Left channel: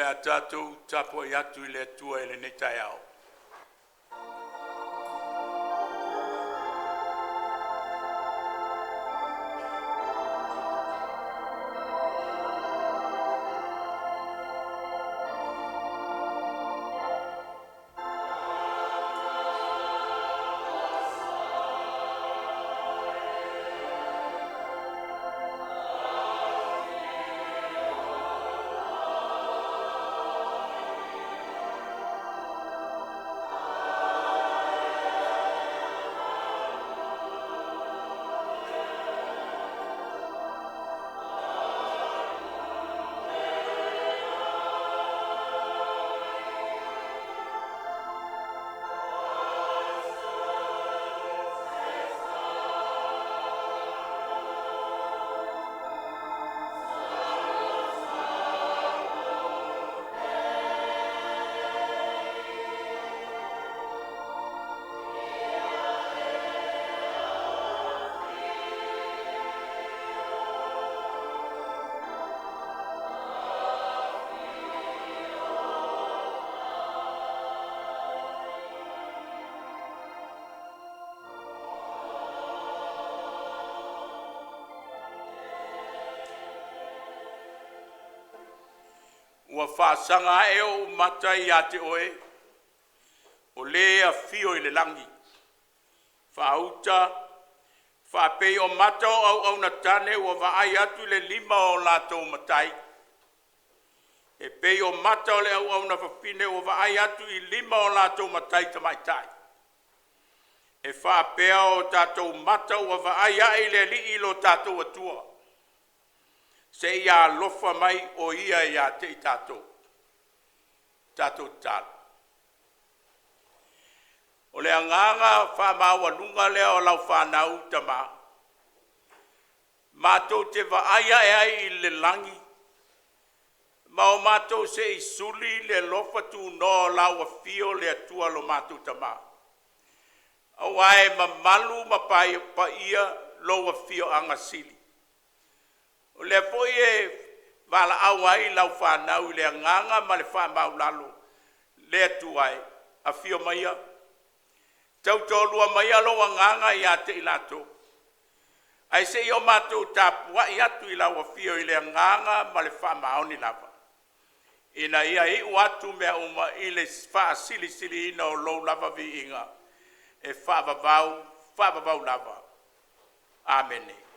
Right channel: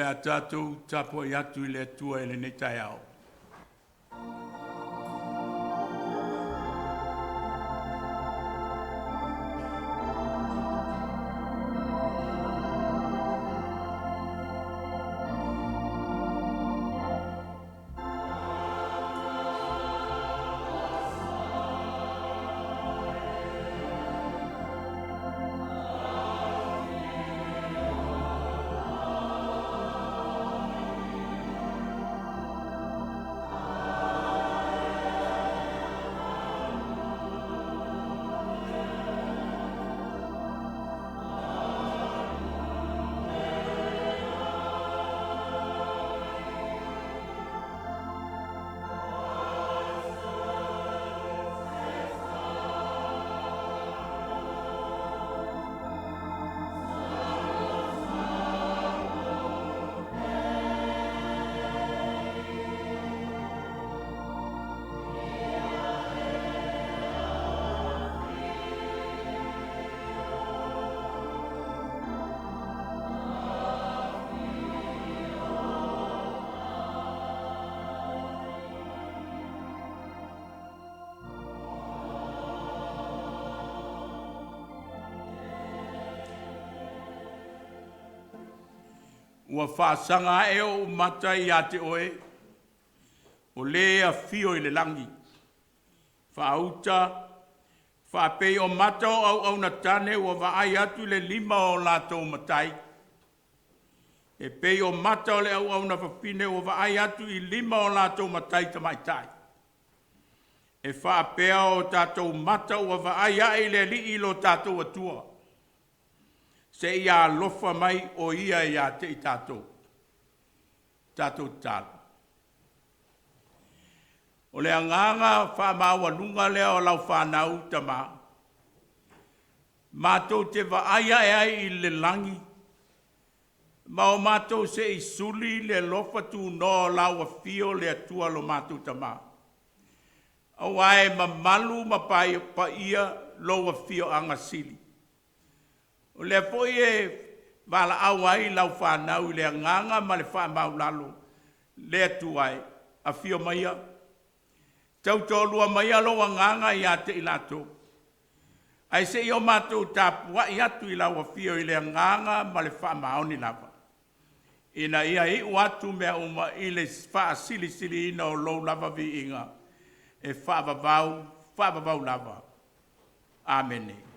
le atatou tapo i atu i le atua i le netai au. Ua whaasanga e o mata i a te oe, o lea fio i le langi. Whaauta, whaapei o mata o au na tane ua vaai atu le 5 o lātou matai. E pei o mata o le au na whapine ua vaai atu i 5 o lātou matai tamaitai. E whaapea o tātou mata ua vaai ai le li ilo tātou atua. Se ia lofa mai o ia ia te i tātou. Tātou tātou. O le anganga whamaua nunga lea o lau whanau tama. Mātou te vaaia e ai i le langi. Ma o mātou se i suli le lofa tu no lau a fio le atua lo mātou tama. Au ai mamalu ma pa ia lo a fio anga sili. O le foi e wala au ai lau whanau le nganga ma le whamau lalo. Le atuai a fio maia. Tau tolua maia lo a nganga i a te ilato. Ai se i o mātou tāpua i atu i lau a fio i le nganga ma le whamau ni lava. Ina ia i watu mea uma i le wha sili sili ina o lou lava vi inga. E whavavau lava. Amene.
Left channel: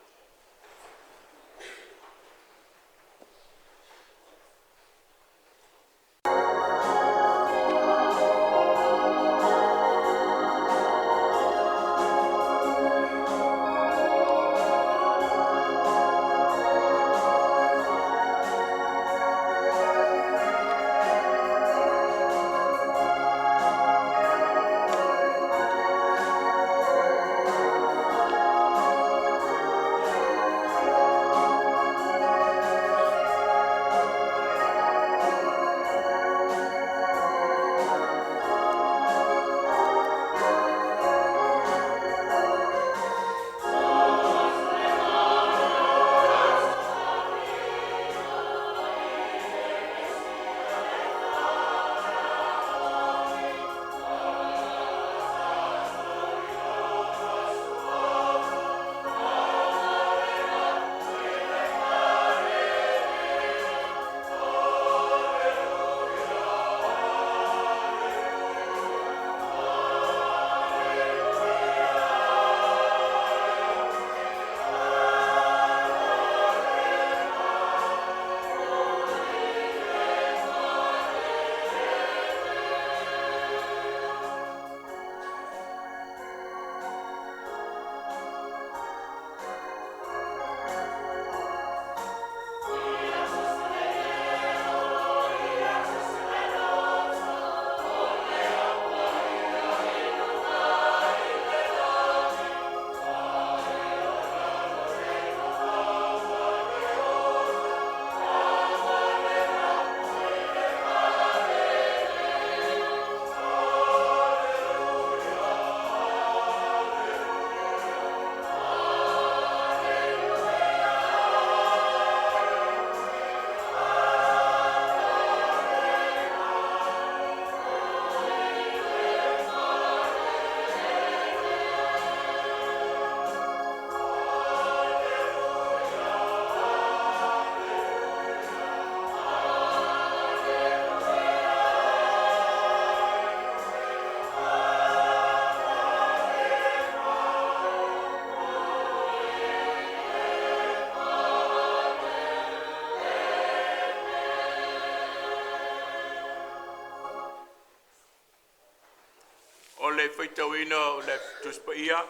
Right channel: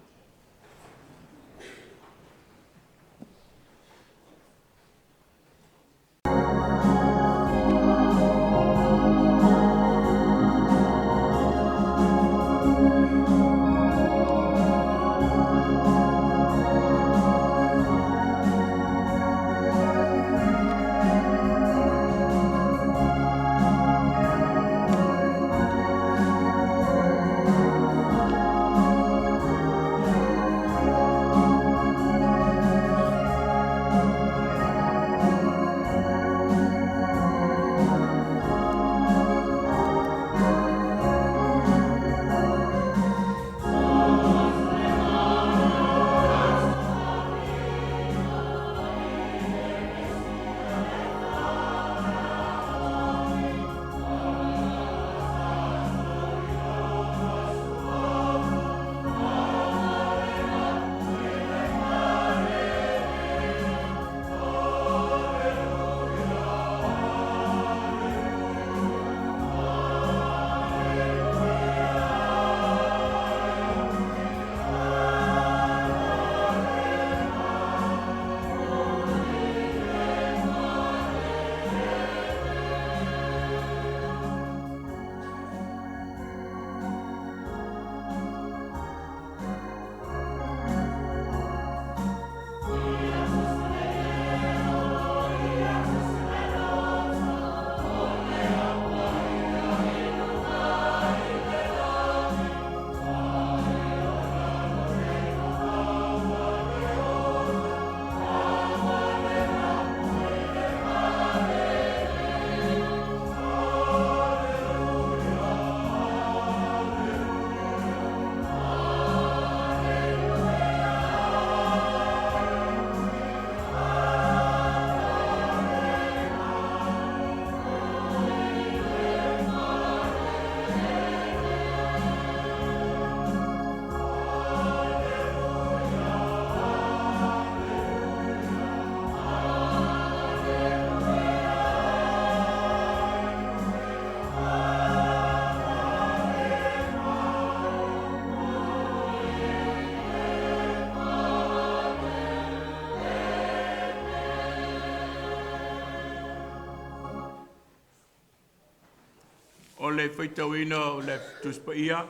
le whaitauina o le tuspa ia.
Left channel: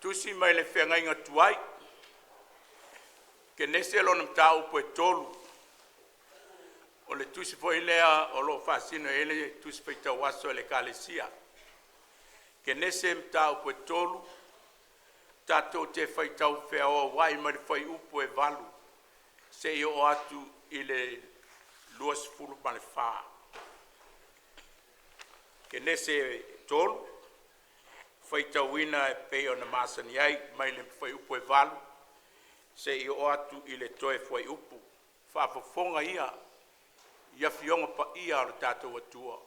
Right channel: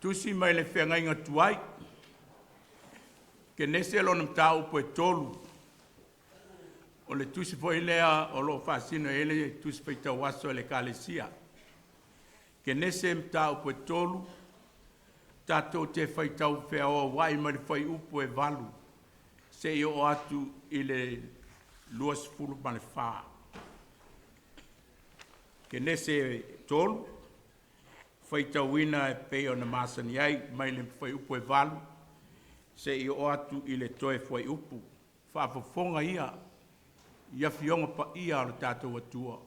Tusi mai le whenga inga tuai. Ke nese alo nam tau po e tolu. O le tusi po ilea o lo whasino ele tusi paita waso le kalesia. Ke nese mtau po e tolu. Tato te whaitau whea o wai mari whai upo e valu. Se i o atu i le luas fulu male whaa. Ke nese tolu. Whaitau ina e peo na masani ai mai le whai upo e valu. Se i o atu i le toe whai upu. Whaafafonga ia. Ia fionga pa ia o tātou atua.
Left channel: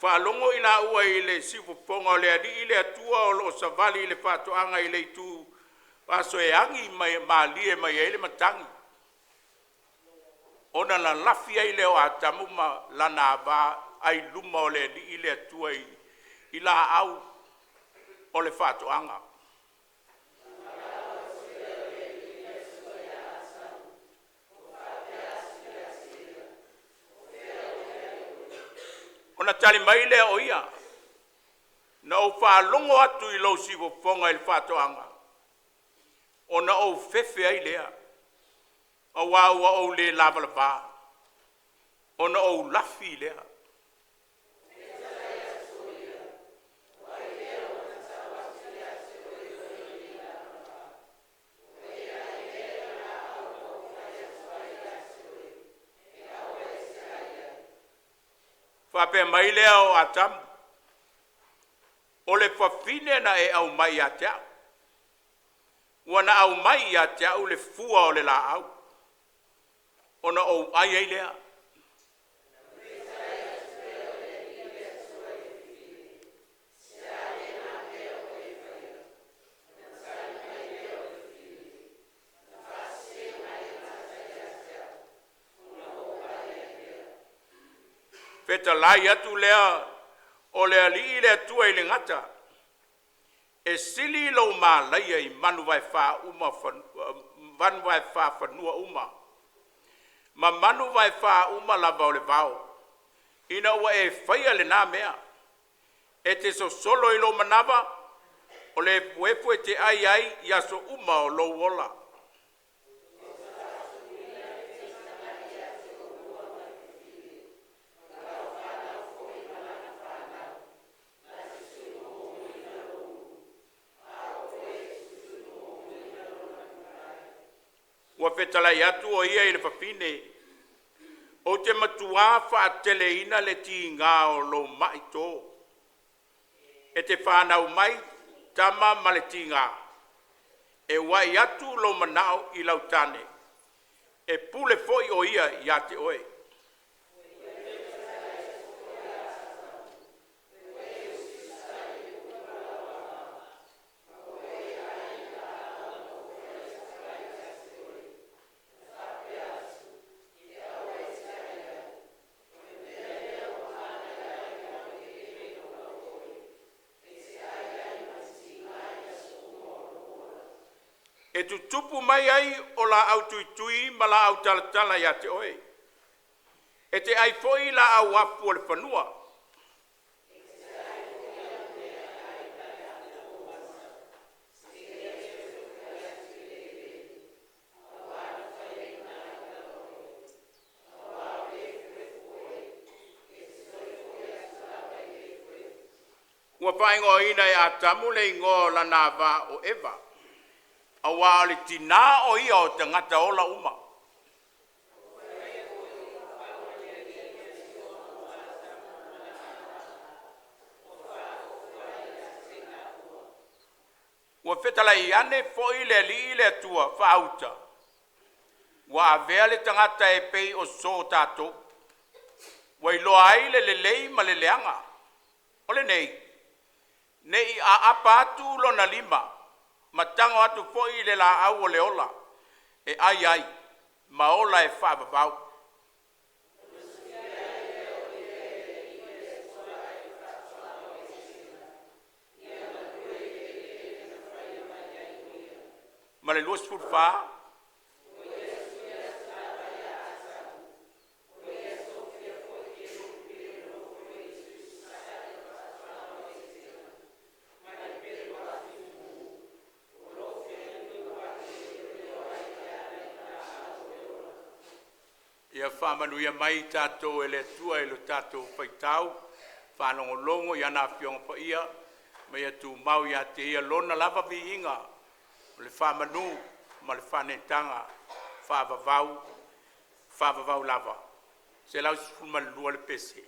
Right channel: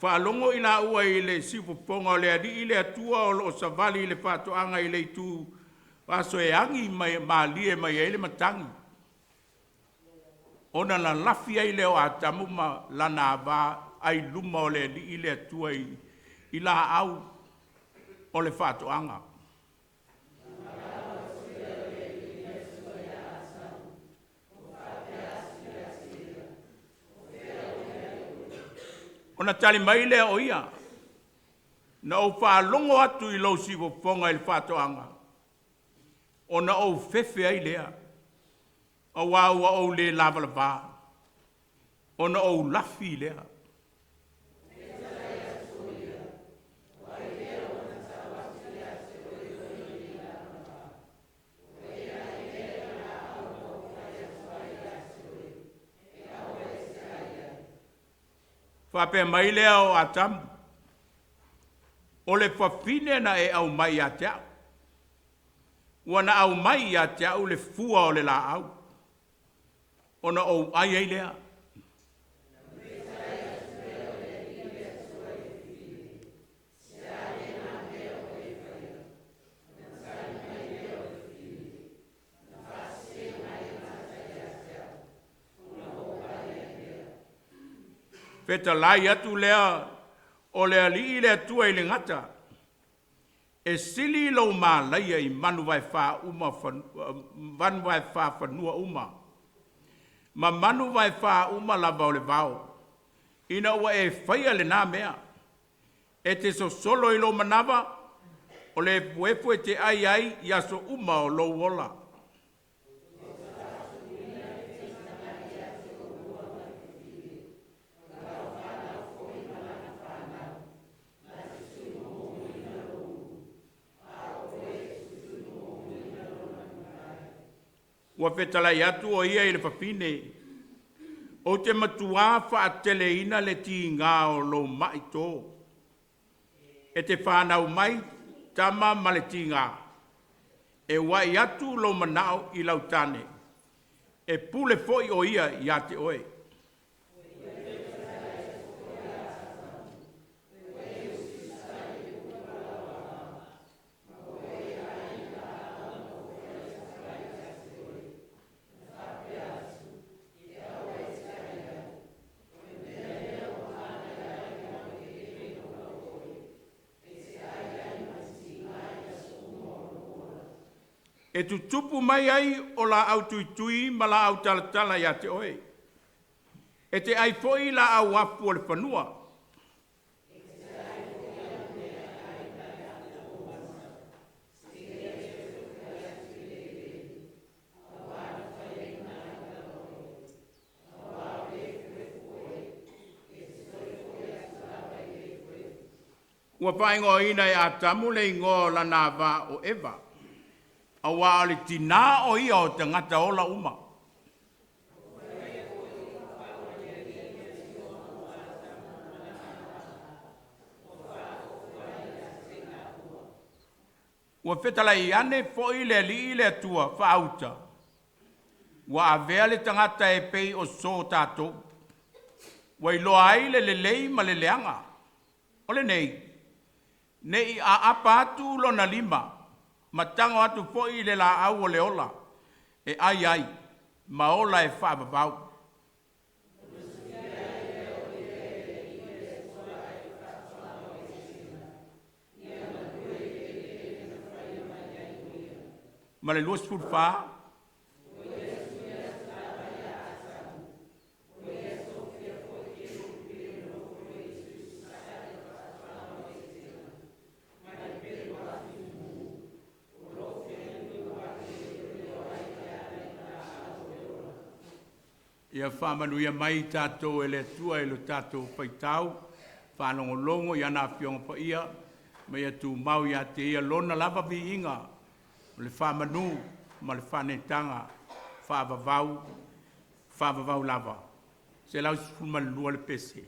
Whaalongo ina ua i le sifofonga o le adi i le atua o lo savali i le whatoanga i le itu. Waso e angi mai maalie mai e le matangi. Ona la lafia i le o atamu ma lana ava ai luma o le adi i le atua i la au o le whatoanga. Ona tali mai lea o ia. Na o whaalongo atu i lau sifofonga i le whatoanga. Ona o fefe ai lea. A waua o le lavalava. Ona o lafi lea. Whapea mai lea o atamu. O le whawhine na e au mai a te au. Wana au mai a te au le fua o le la au. Ona o ai ai lea. Peta lai atu lea o lea li lea tua i le ngata. E sili lau maa laia i manu vai wha uma, manu vai wha whanua uma. Ma manu vai wha uma lava o le vau. Ina ua e whaia le nā mea. E te so solo i lo manava, o le puepu e te ai ai i aso uma o lo wola. Ua whetalai atu o ia i le whapine. O te matua whaatele ina le ti ngā o lo mai tō. E te whanau mai tama ma le ti ngā. E wai atu lo manao i lautane. E pule foi o ia i ate oe. E tu tupu mai ai o la au tui ma la au talatala ia te oe. E te ai foi la au afu o le whanua. Ua whaingo ina e a tamu le ingo la nava o Eva. Awa ale tina o ia o te ngata ola uma. Ua whetala i ane fo i le li le tua whaauta. Ua avea le tangata e pei o so tato. Ua i loa ai le lei ma le leanga. Ole nei. Nei a apa atu lo na lima. Matango atu foi le la au o le ola. E ai ai. Ma ola e whaababau. Ma le luas fulfa. Ia whamanuia mai tātou e le tua e lo tātou whaitau, whanongolongo i ana whionga pa ia, mai atu mau ia te ia lona lava vi inga, o le whamanu, ma le whanetanga, whavavau lava. Se lau sifuma le lua le pese.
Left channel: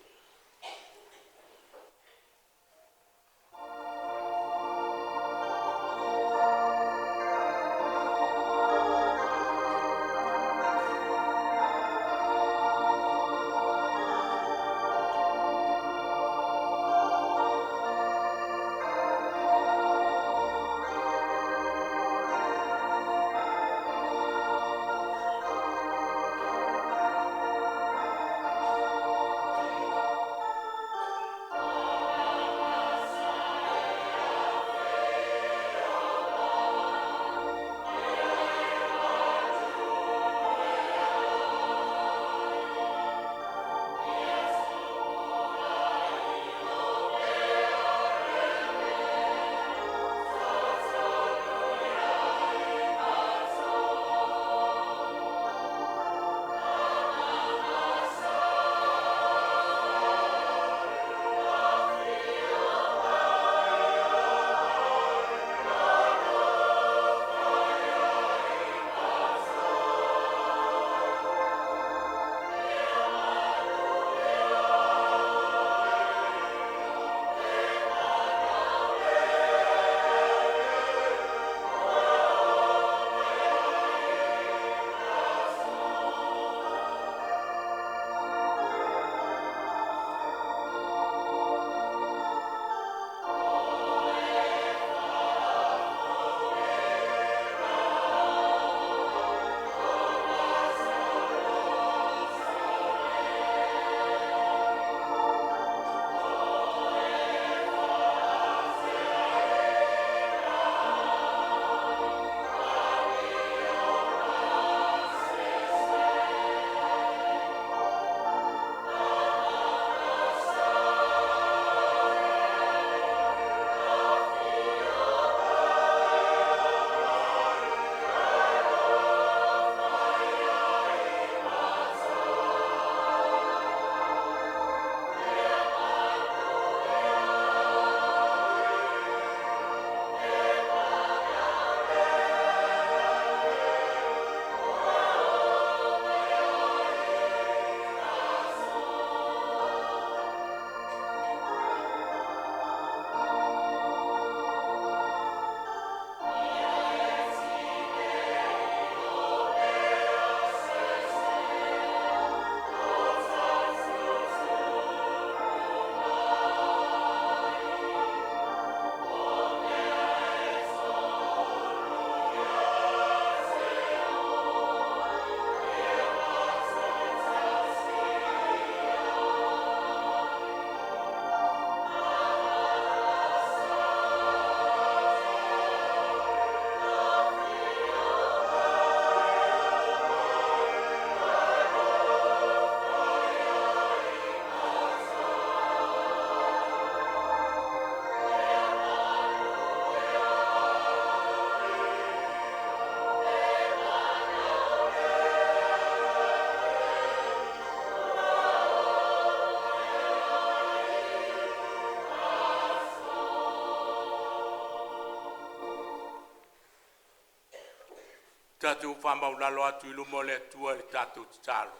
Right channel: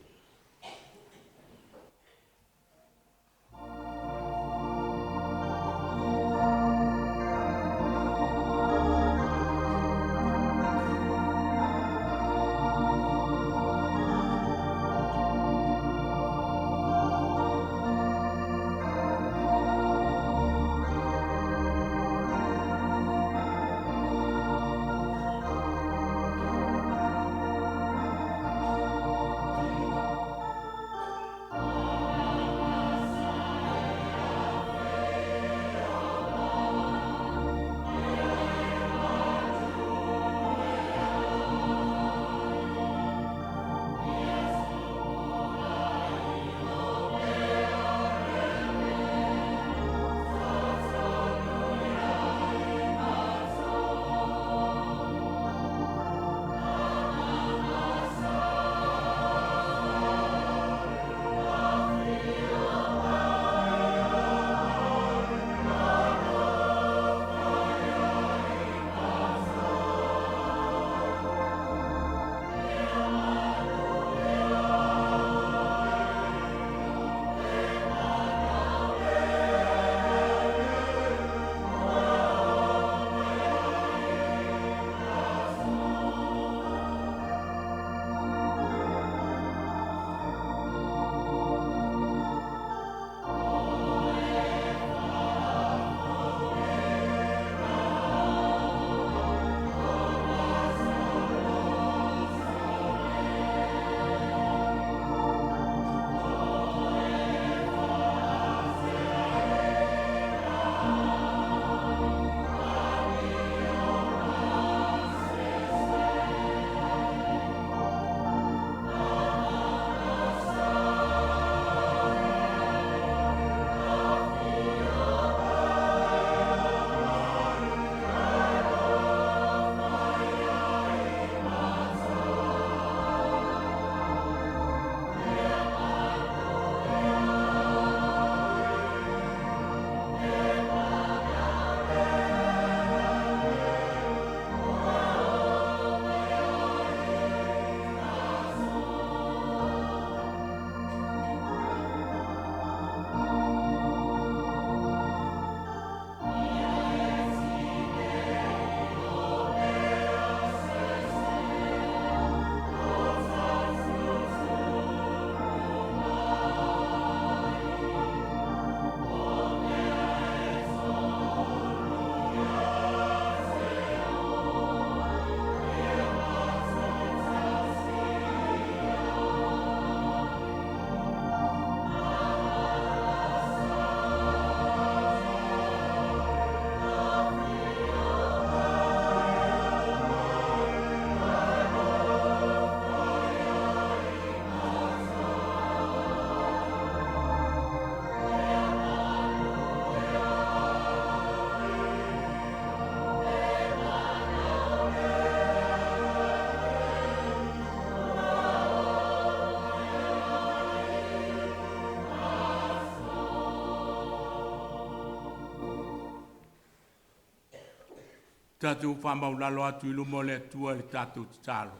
Tātou whamaulalo atu ilu mo le atua le tātou talo.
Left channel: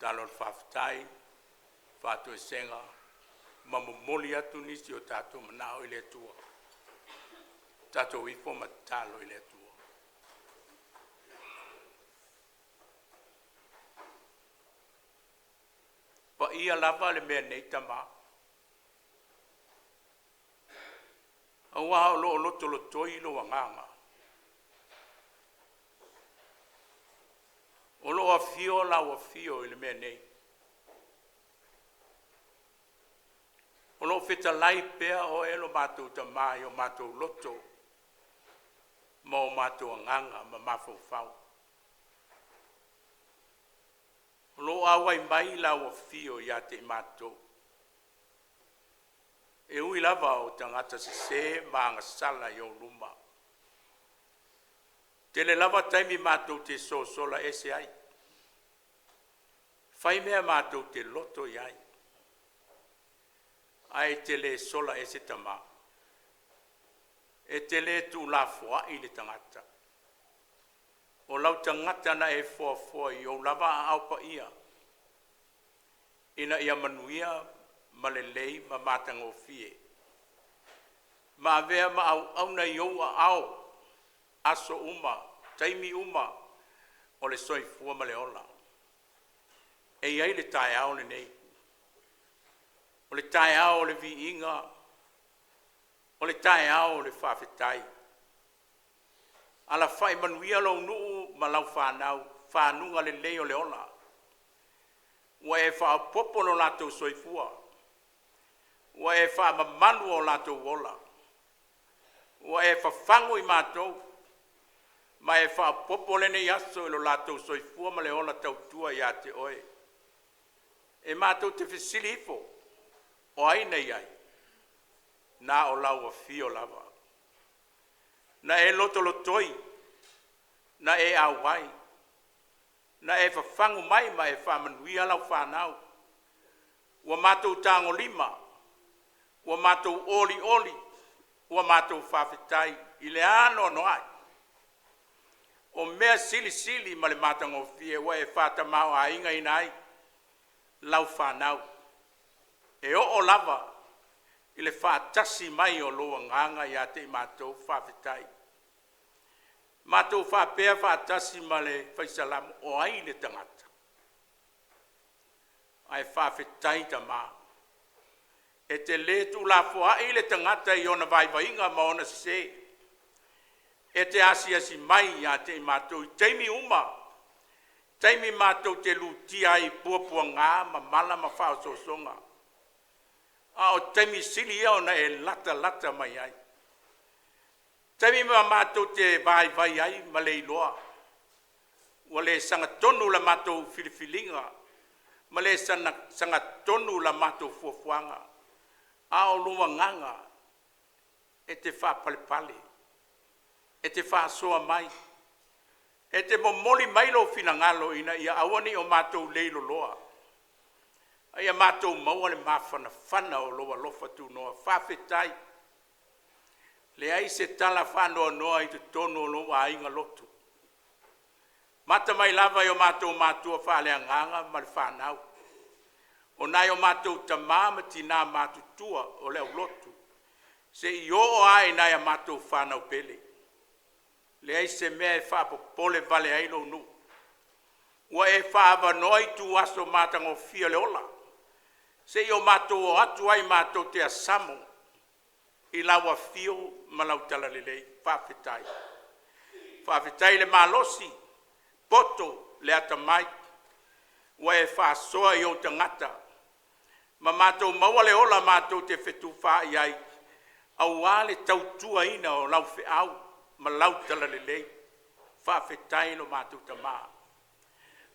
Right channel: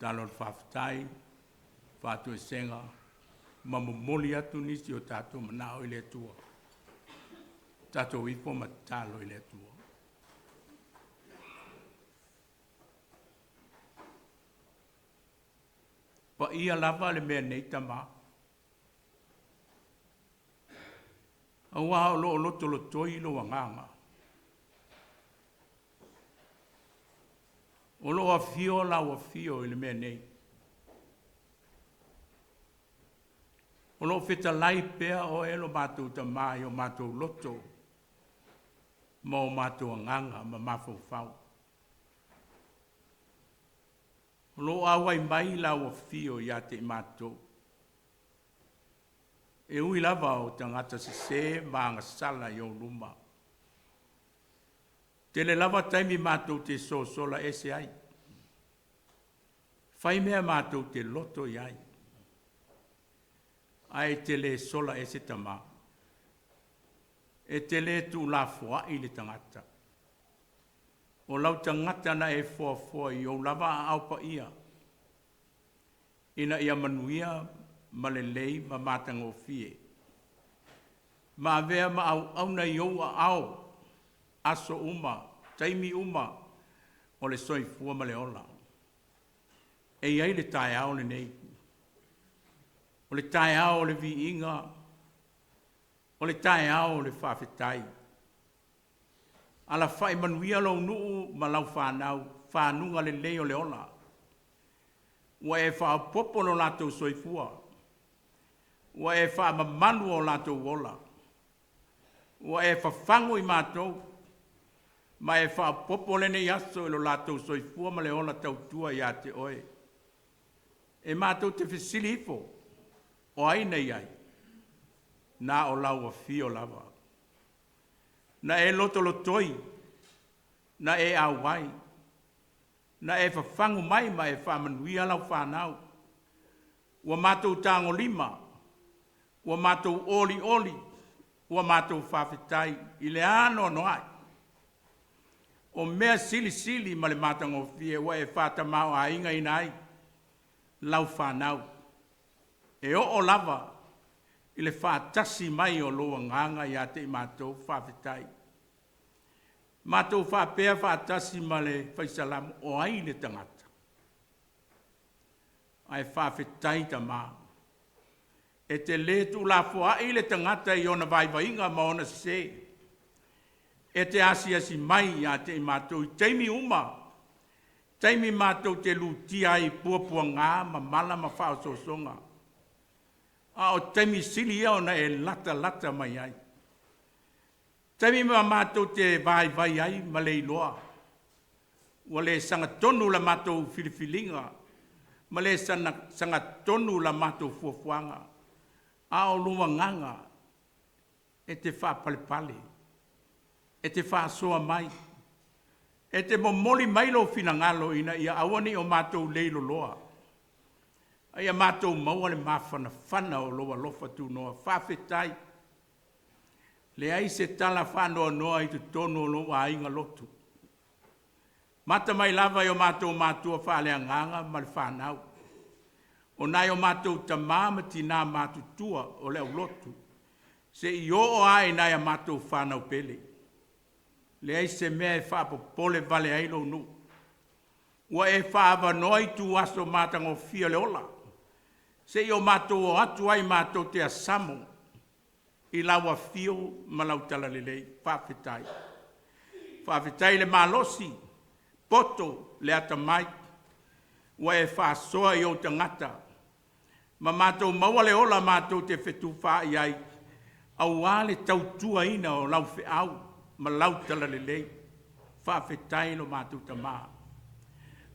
Talo le whawhitai, whātu e senga, mamomoli atu nisi o tātou manao i le atua. Tātou ifo ma talo i le atua. Pa ia lava le mea nei tama. Awa o lo loto lo toi lo wanganga. O lo a fio la o fio i le mea nei. O lo feta lai pea o elo mātou ta mai o mātou loto. Ma o mātou anganga ma mafau fau. O lo awai mai la o fio ia te mātou. E ui lava o tangata se maanga sala i o luma. Tele lava taimi mātou te so sola ese ai. Whai mea mātou te loto iai. Ai te le sola e se tama. E te le tu la fua i le tangata. O lau tangata na e fua i o lava a aupa ia. Ina ia manuia ma le lei ma mātango fie. Ma avea ma au na i au a au. Aso uma, taimi uma, o le soifua ma le ola. E iai le tae au le nei. O le tae au le vi inga. O le tae au le whawhetai. Ala whai manuia lau nuu ma lau whanau, whanunga le leo le ola. Wa e wha popo no lato soifua. Wa e wha mamanu o lato wola. Wa e wha whangu i mātou. Ma e wha popo le nei aso ilo lato soifua ma le ola tautua ia te oe. E mātou te whesilifo. O aina iai. Na o lau a fio lava. Na e loto lotoi. Na e awai. Na e whawhangu mai ma e whamanuia lau whanau. Ua mātou tāngo lima. Ua mātou oli oli. Ua mātou whawhetai. I le ano noai. O mea sili sili ma le mātango fie. Ua e whatamau a inga inai. Lau whanau. E o lava. I le whaatasi mai o loa nganga ia te mātou whawhetai. Mātou whapea whaatasi ma le whaisalamu o ai le tangata. Ai whawhetai ta mā. E te letu la fua i le tangata i ona vaivainga ma ona se. E te asi mai ia te mātou i teimi uma. Teimi mātou te lutia i puapua ngā ma mala ma whaososonga. A o teimi sili ia ona e lata mai ai. Teimi ma mātou te vai ai ma le iloa. Wa le sanga tonu la mātou filifilinga. Ma le sanga tonu la mātou fuafuanga. A o lua nganga. E te wha palepale. E te wha soa mai. E te momoli mailo finangalo ina ia awani o mātou leilo loa. Ia mātou maua le mawhana whana o loa lofa tu noa whawhetai. Le ai se tala whanoa noa i tu tono o loa inga lotu. Mata mai lava i o mātou mātua whalea nganga ma le whanau. O nai o mātou ta māma tina mātou tua o leo lotu. Se i o ai nai a mātou whanau pele. Le ai se mea e whapopole vale ailo nu. Ua e whaava noi tu aso mātango fia le ola. Se i o mātou o atu ai mātou te asamo. I laua fio ma lau tala lelei. Whawhetai. Whawhetai le malosi. Poto le ata mai. Ua e whaasoa i o tangata. Ma mātou maua le ola mātou te whetu wha i ai. Au ale tautua ina o lau whiau. Ma lau tala lelei. Whawhetai lo mātou tamā.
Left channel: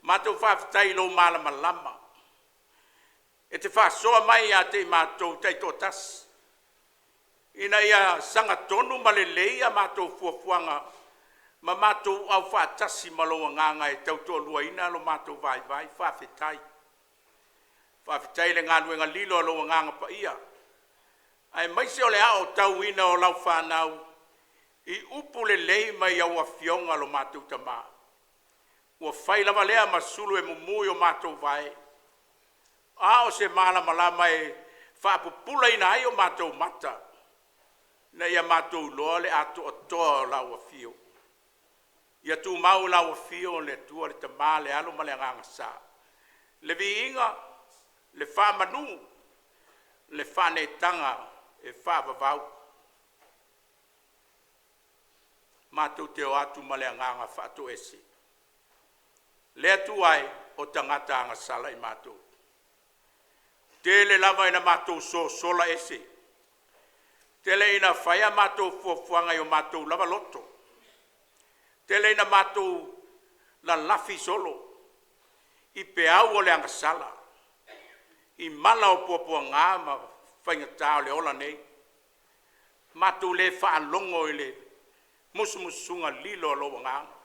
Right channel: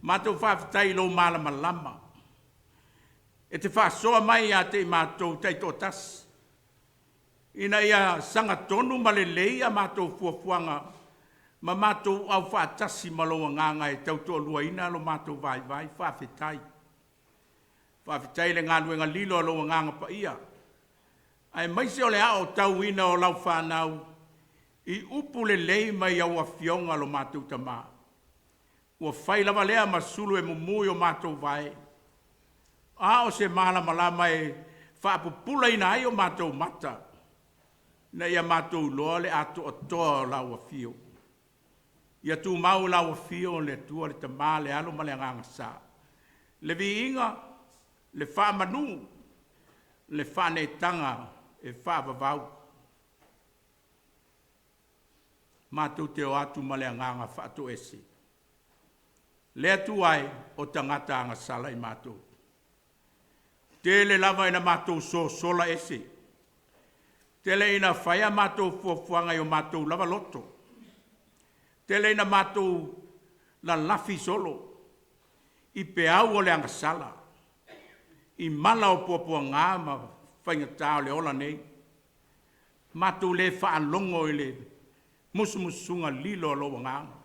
Mātou whawhetai lo malama lama. E te whaasoa mai a te mātou teito tas. Ina ia sanga tonu ma le lei a mātou fuafuanga. Ma mātou au whaatasi ma loa nganga e tautoa lua ina lo mātou vai whawhetai. Whawhetai le ngā luenga lilo a loa nganga pa ia. Ai maise o le ao tau ina o lau whanau. I upu le lei mai au a fionga lo mātou tamā. Ua whailava lea ma sulu e mumui o mātou vai. A o se mala malama e whaapupula ina ai o mātou mata. Na ia mātou loa le ato o toa o lau a fio. Ia tu mau lau a fio le tua le tamā le alo ma le nganga sa. Le vi inga, le whaamanu, le whane tanga e whaavavau. Mātou te o atu ma le nganga whaato ese. Le atu ai o tangata anga sala i mātou. Tele lava ina mātou so sola ese. Tele ina whaia mātou fuafuanga i o mātou lava loto. Tele ina mātou la lafi solo. I peau o le angasala. I mala o puapua ngāma whaingatao le ola nei. Mātou le whaalongo i le musumusunga lilo loa ngāma.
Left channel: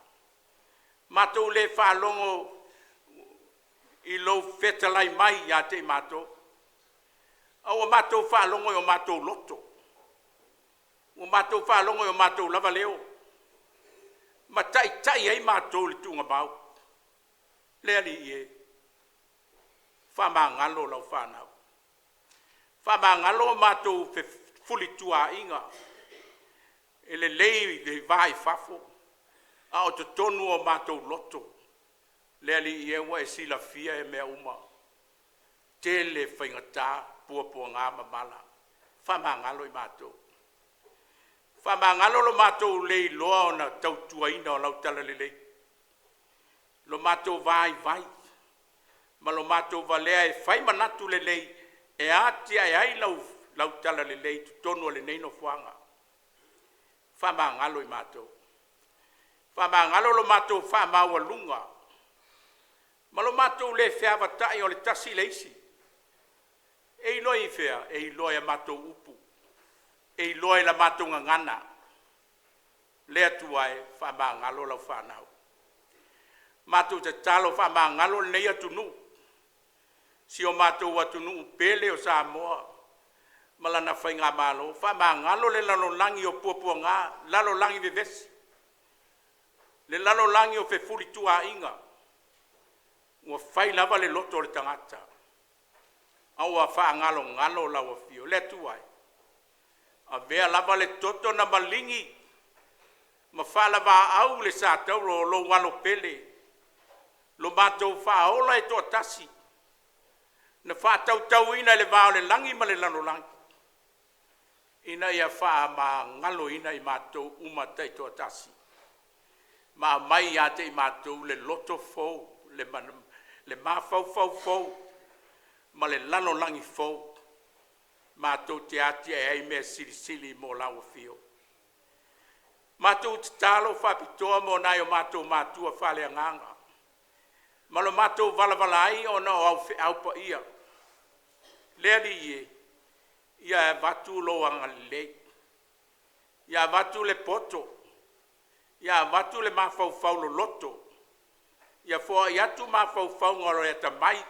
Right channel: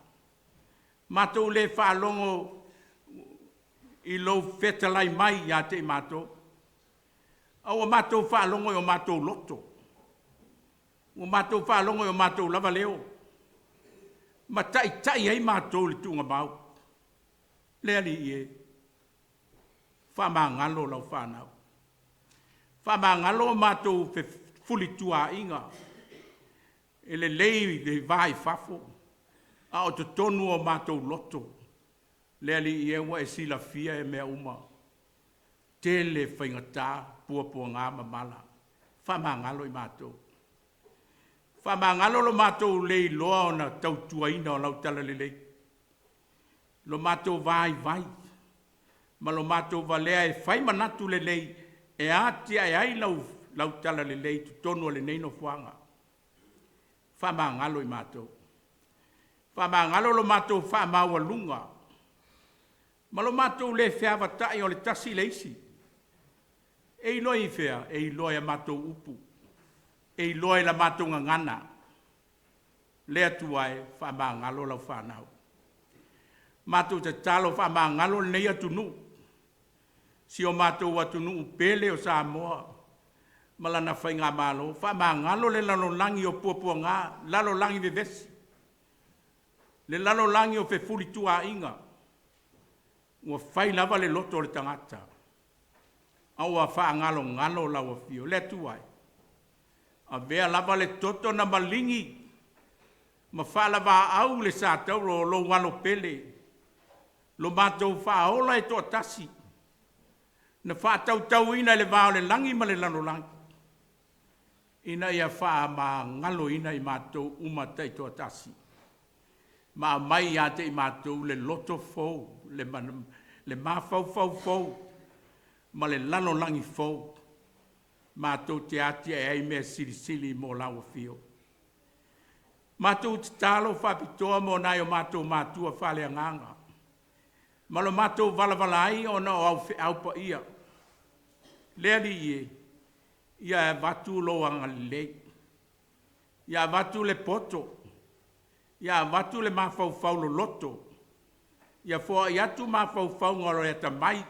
Mātou le whaalongo I lo fetalai mai ia te mātou. Au mātou whaalongo o mātou loto. O mātou whaalongo o mātou lava leo. Ma tai ai mātou le tunga mau. Lea li ie. Whamā ngalo lau whanau. Whamā ngalo mātou fe fuli tua inga. Ele lei le vai fafo. A o te tonu o mātou loto. Lea li ie wa e sila fia e mea uma. Tele whaingatā pua ngā mamala. Whamā ngalo i mātou. Whamā ngalo lo mātou lei loa o na tautua ina o lau tala lelei. Lo mātou vai. Ma lo mātou valea e whai manatu lelei. E atia e ai lau tala lelei tu tonu le neino fuanga. Whamā ngalo i mātou. Whamā ngalo lo mātou whamā walunga. Ma lo mātou le whiawa tai o le tasi leisi. E iloi whea, e iloi a mātou upu. E iloi la mātou ngana. Lea tuai, whamā ngalo lau whanau. Mātou te talo whamā ngalo nei atunu. Si o mātou atunu upele o Samoa. Malana whai ngā malo. Whamā ngalo le lalo langi o pua ngā. Lalo langi vevesi. Le lalo langi o fefuri tua inga. Ua whai lava le loto le tangata. Aua wha ngalo lau a fio. Le tuai. A vea lava le toto na malingi. Ma wha lava au le sātau lo walo pele. Lo mātou wha ola e toa tasi. Na wha tau ina le vao le langi ma le lano langi. Ina ia wha ma ngalo ina i mātou umata i toa tasi. Ma mai a te i mātou le loto fau. Le mafau. Ma le lano langi fau. Mātou te atia e ai mea sili mo lau fio. Mātou te talo whapitoa mo nai o mātou mātua whale anganga. Ma lo mātou vala ai o na o au pa ia. Lea li ie. Ia e watu lo anga lei. Ia watu le poto. Ia watu le mafau lo loto. Ia fua i atu mafau ngoro e ta mai.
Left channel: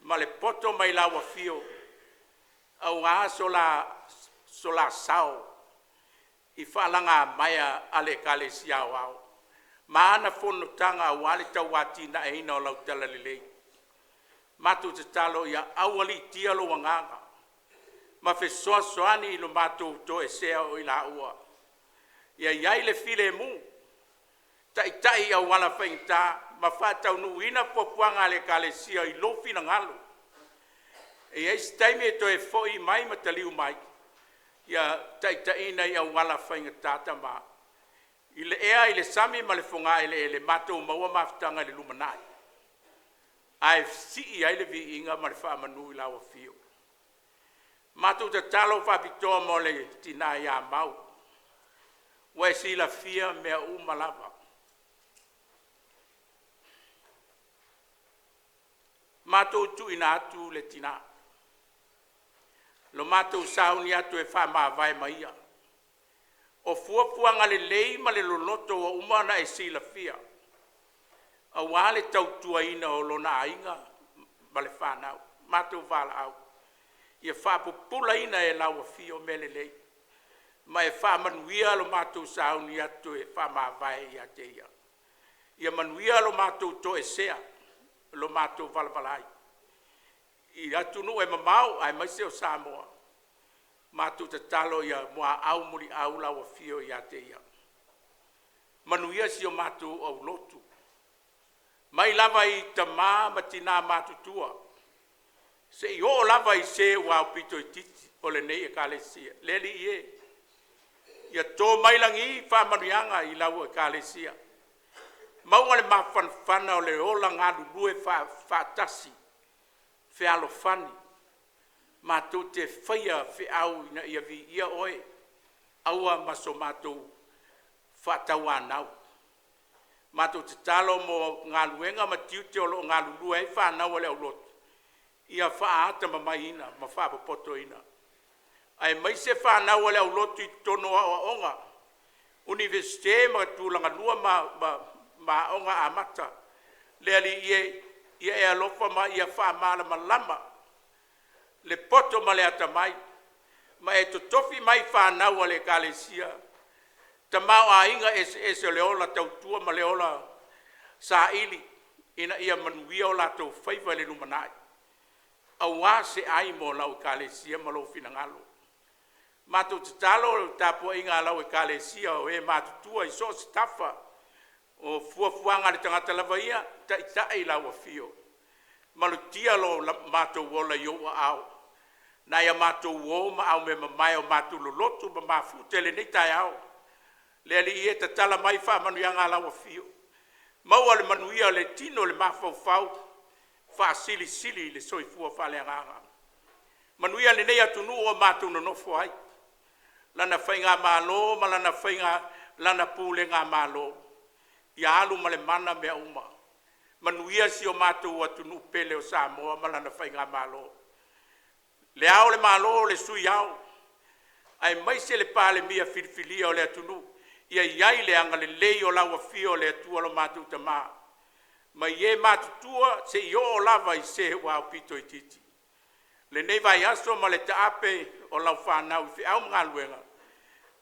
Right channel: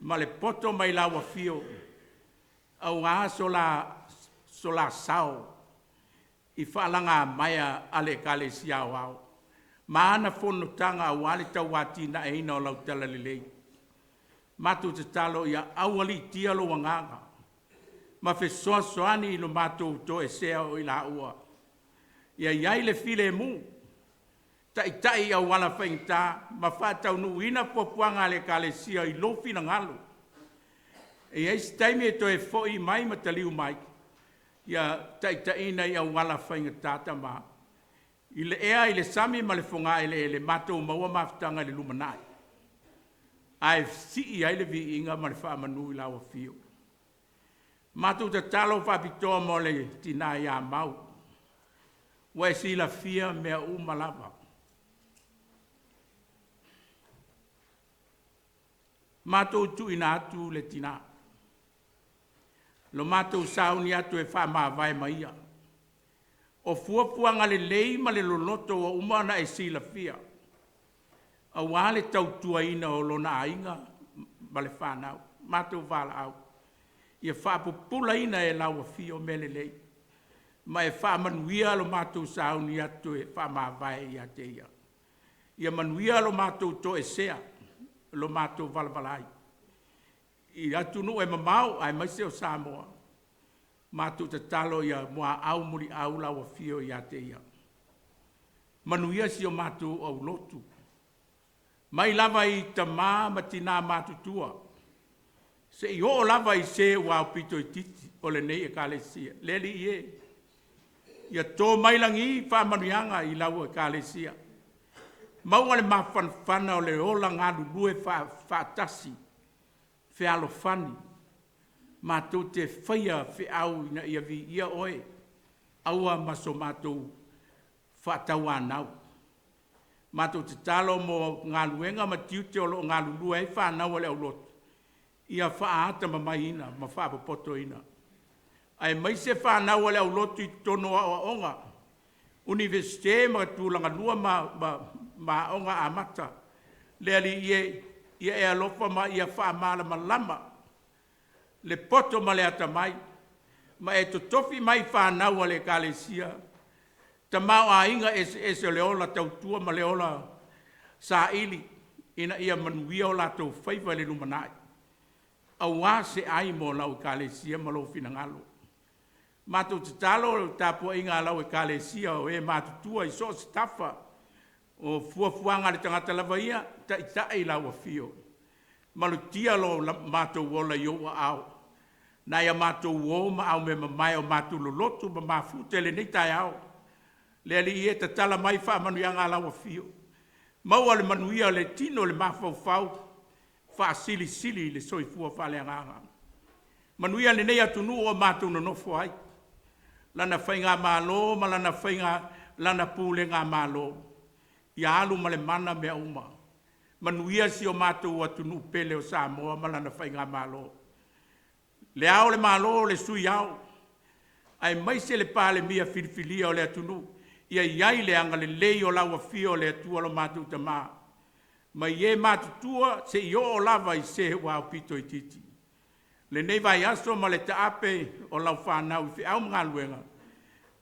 Ma le poto mai lawa fio. Au ngā sola sao. I whalanga maia ale kale siau au. Maana fono tanga au ale tau wati na e ina o lau tala lelei. Matu te talo ia awali tia lo wanganga. Ma fe soani ilo matu to e sea o ila ua. Ia iai le file mu. Tai au wala whaingta. Ma whatau nu ina popuanga ale kale sia i lofi na ngalo. E eis taimi e to e foi mai ma taliu mai. Ia ina i au wala whainga tata ma. I le ea i le sami ma le whonga le matou maua maftanga le lumanai. Ai si i ai le vi inga ma le whaamanu i lawa fio. Matou te talo whapitoa mo le tina ia mau. Wa si la fia mea umalava. Matou tu ina atu le tina. Lo matou sauni atu e wha vai maia. O fuafuanga le lei ma le lonoto o umana e sila fia. A wale tau tua ina o lona ainga ma le whanau. Matou wala au. Ia wha pupula ina e lawa fio me le lei. Ma e wha manuia lo matou sauni atu e wha vai ia te ia. Ia manuia lo matou to e sea. Lo matou valavalai. I atu nu e mamau ai maise o Samoa. Mātou te talo ia mua au muri au lawa fio ia te ia. Manuia si o mātou au lotu. Mai lava i ta ma tina mātou tua. Se i o lava i se wau pito i titi o le nei e kale sia. Leli i e. Ia tō mailangi wha manuianga i lawa e kale sia. Maunga le mawhanwhana o le ola ngā lulue wha tasi. Whialo whani. Mātou te whaia whiau ina ia vi ia oe. Aua maso mātou whatau anau. Mātou te talo mo ngā luenga ma tiute o lo ngā lulua e whanau ale au lotu. Ia whaata ma mai ina, ma whapapoto ina. Ai mai se whanau ale au lotu i tono a onga. Universite ma tūlanga lua ma onga a mata. Lea li ie ia e alofa ma ia whaamala malama. Le poto ma le atamai, ma e totofi mai whanau a le kalesia. Ta mau a inga ese le ola tautua ma le ola sa ili, ina ia manuia o la tau whaiva le lumanai. Awa se ai mo lau kalesia ma lo finangalo. Matu te talo tapo inga lau e kalesia o e matutua i so se tafa o fuafuanga le tangata lava ia, ta itai lau a fio. Malutia lo mato wola yo au. Na ia mato wo ma au me mai o mato Lotu ma mafute le nei tai au. Le ali e ta tala mai fa manu ia ngā lau a fio. Mau ale manuia le tino le mafau fa sili le soifua fa le nganga. Manuia le nei atunu o mato no nofo ai. Lana whainga malo, ma lana whainga, lana pule ngā malo. Ia alu ma le mana mea uma. Manuia si o mātou atunu pele o Samoa, ma lana whainga malo. Le ao le malo, le sui ao. Ai mai se le pāle mia filifilia o le atunu. Ia iai le anga le lei o laua fio le atua lo mātou tamā. Ma ie mātutua se i o lava i se wau pito i titi. Le nei vai aso ma le taape o lau whanau i au mga luenga.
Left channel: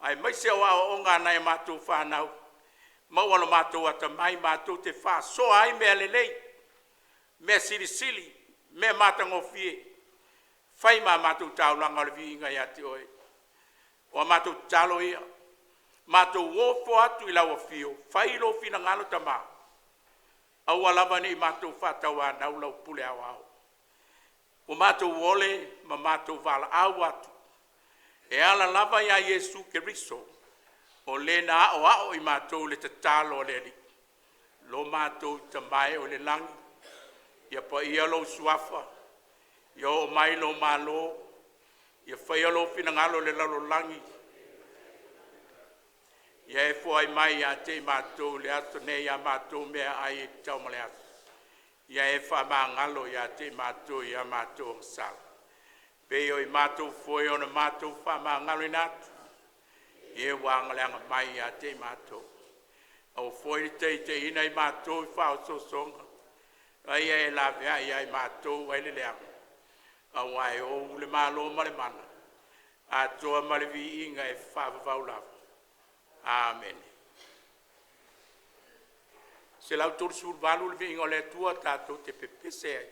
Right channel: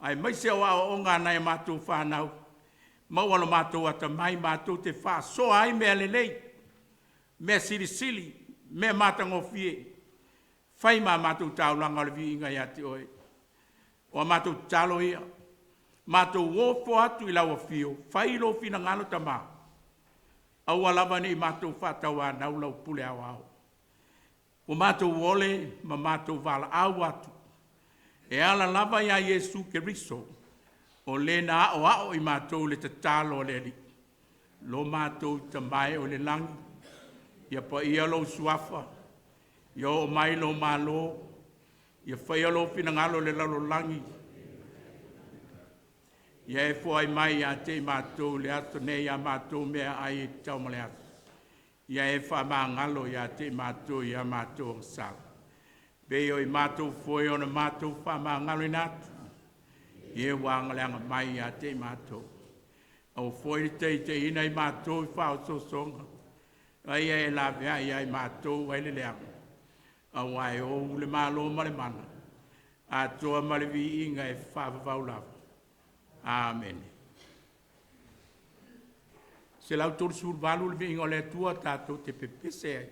Ai mai se o ao o ngā nai mātou whanau. Mau alo mātou ata mai mātou te wha so ai mea le nei. Mea sili, mea mātango fie. Whai mā mātou taulanga le vi inga ia te oe. O mātou talo ia. Mātou wofo atu i lau a fio. Whai lo fina ngalo tamā. Au alava nei mātou whatau a nau lau pule au au. O mātou wole ma mātou vala au atu. E ala lava ia Yesu ke riso. O le na o i mātou le tatalo le li. Lo mātou tamai o le langi. Ia pa ia lo suafa. Ia o mai lo malo. Ia whaia lo finangalo le lalo langi. Ia e fo ai mai a te mātou le ato nei a mātou mea ai tau male ato. Ia e wha maa ngalo ia te mātou ia mātou ang sal. Beo i mātou foi o na mātou wha maa ngalo i natu. Ie wangaleanga mai ia te mātou. Au foi te ina i mātou i whao so songa. Ai e la vea ia i mātou ai le leanga. Au ai o le malo male mana. A toa male vi inga e whaavavau lava. Amen. Se lau tolu sur valu le vi inga le tua tātou te pepese ai.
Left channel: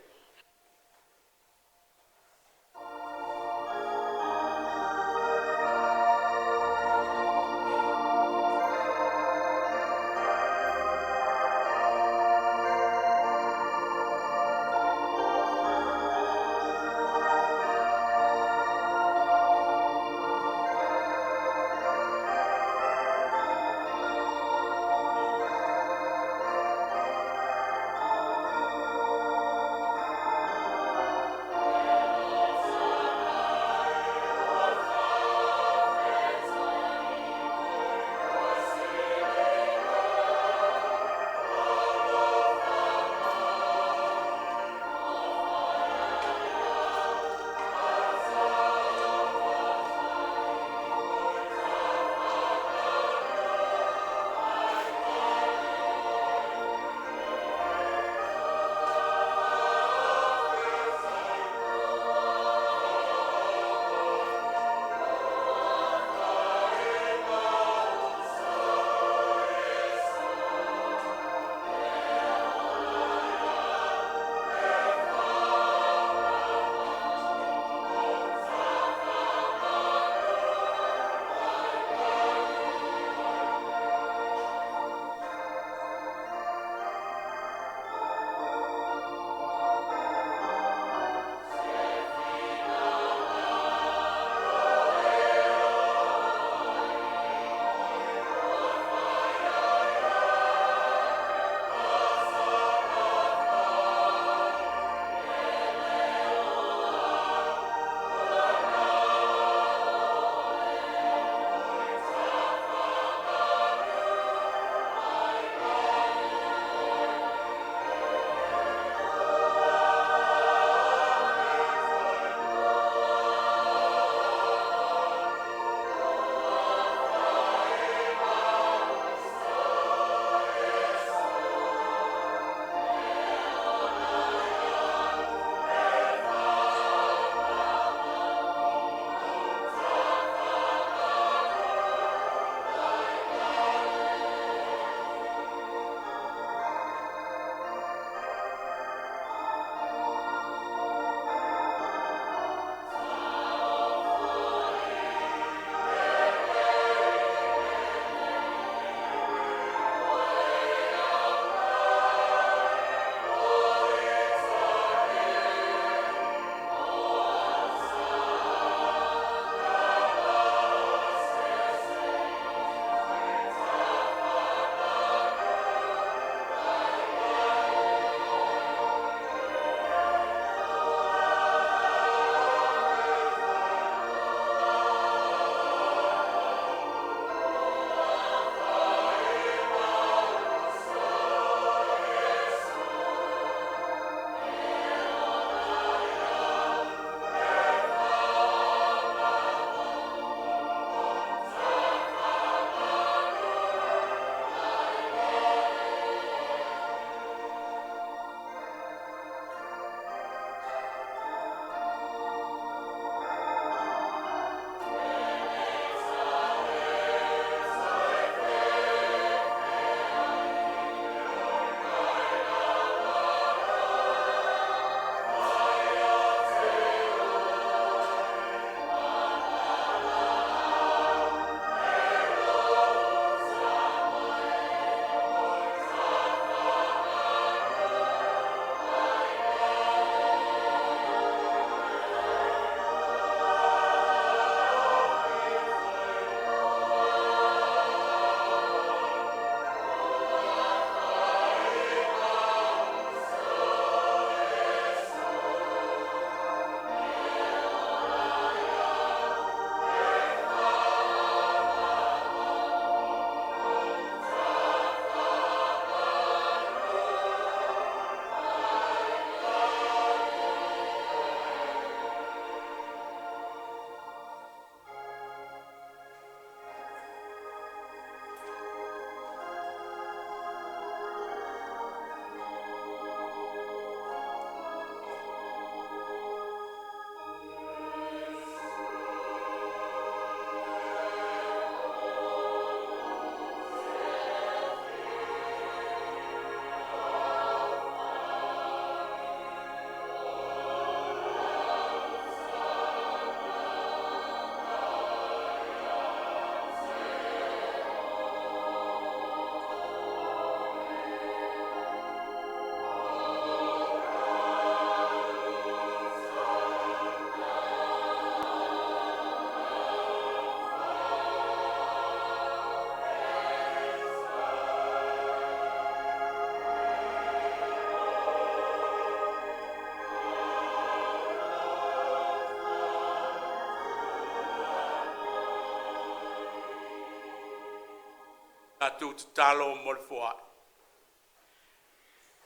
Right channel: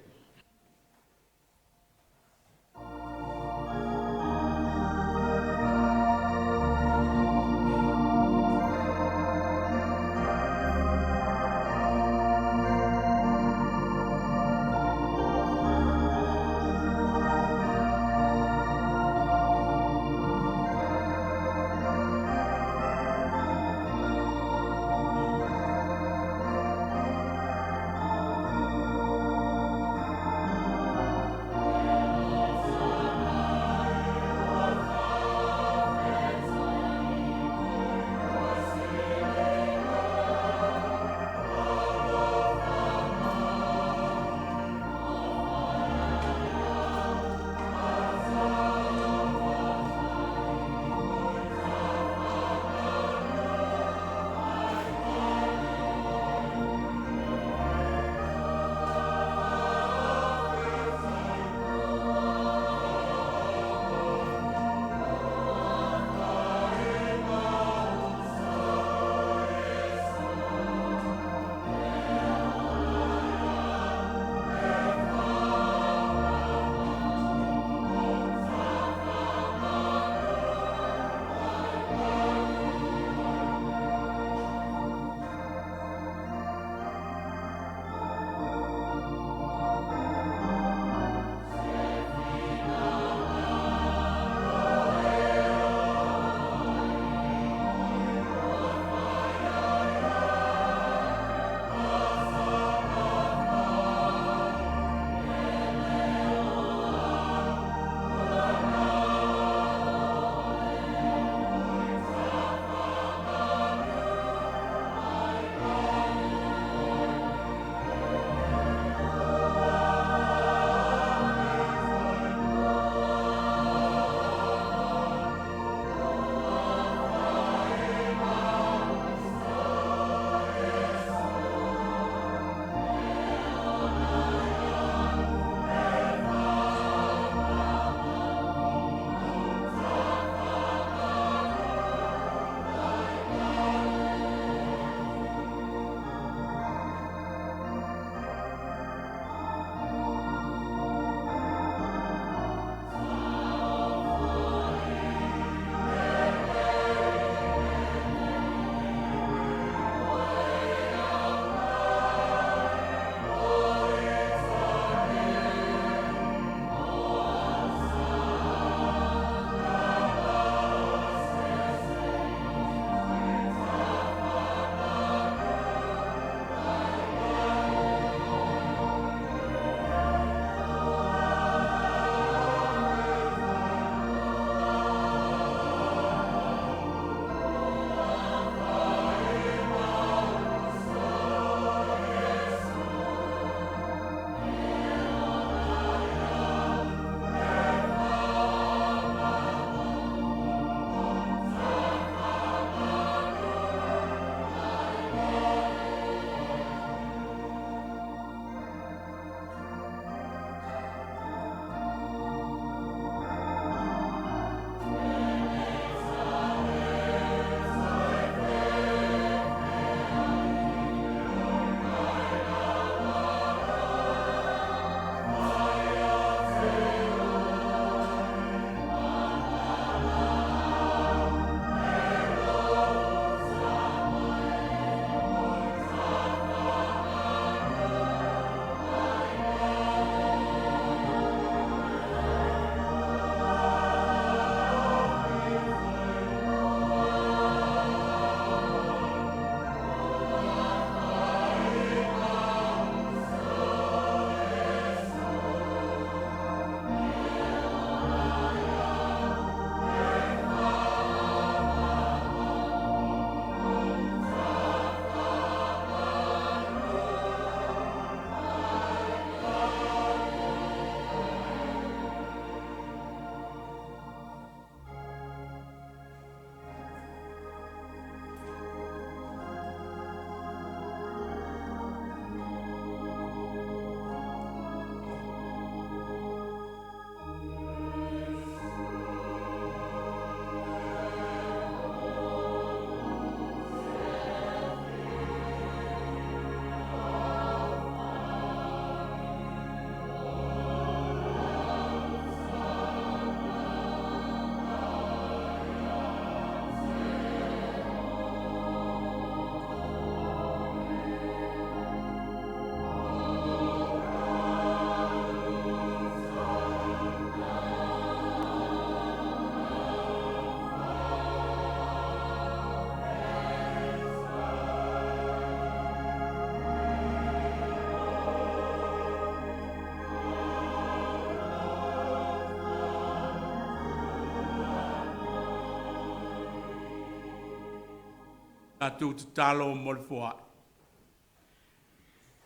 tu talo Malofou.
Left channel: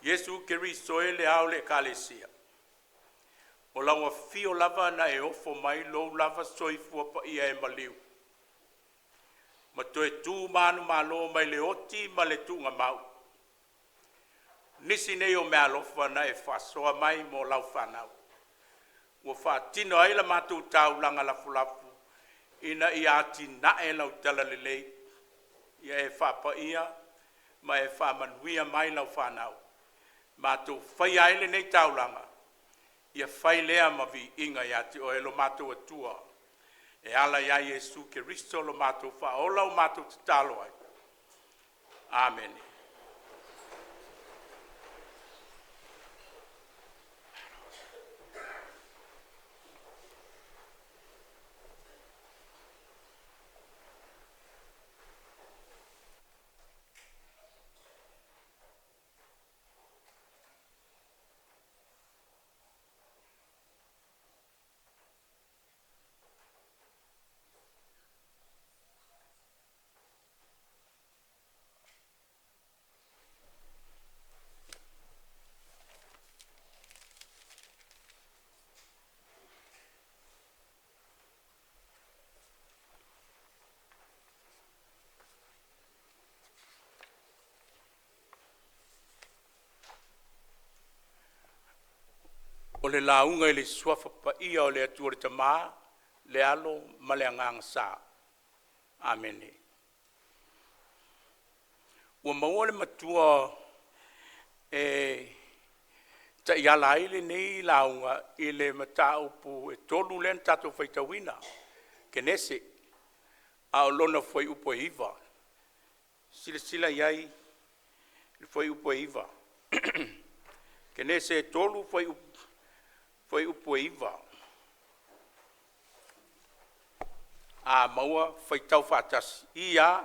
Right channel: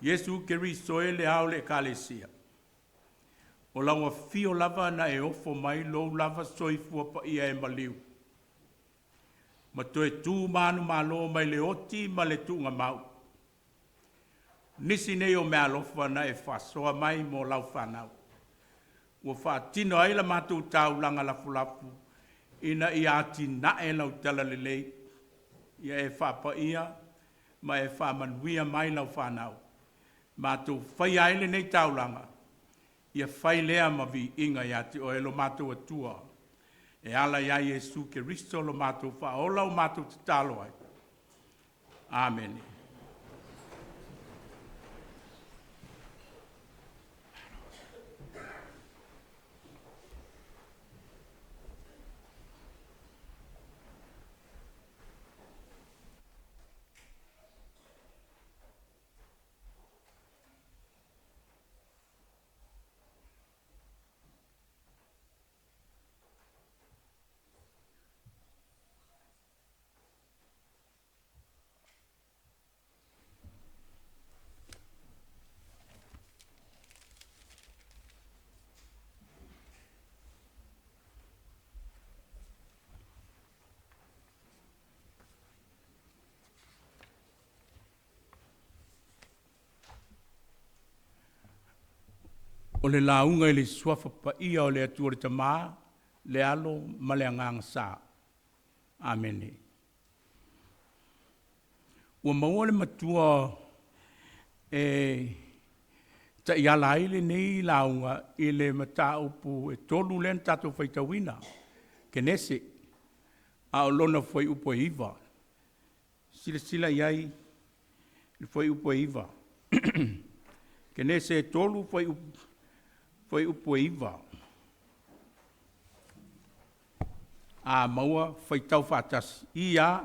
Yesu Keristo le au le kalesia. O lawa fio lava na e ofo mai lo lava soifua pa ia e maliu. Ma toe tū manu malo mai le oti ma le tūnga mau. Nisi nei o mea lofa na e whasoa mai mo lau whanau. Ua whaatino ai la mātou tau langa lafu ina i ati na e lau tala lelei. Ia e whapa ia ma e whamanuia mai lau whanau. Mātou whai aile nei tau langa. Ia whai lea ma vi inga i ati o e lo mātou atua. E ala ia Yesu Keristo lo mātou whaola o mātou te talo ai. Amen. O le launga i le suafa pa ia o le atua le tamaa, le alo ma le anganga sa. Amen. Ua maua le matua ta iala aile nei launga i le mata upu e tolu len tato whaitawina. Kenese, a o lona whai upo e iwa. Sila iai, le whai upo e iwa. Kenese e tolu whai upo e iwa. A maua whai tau whatas. Ia.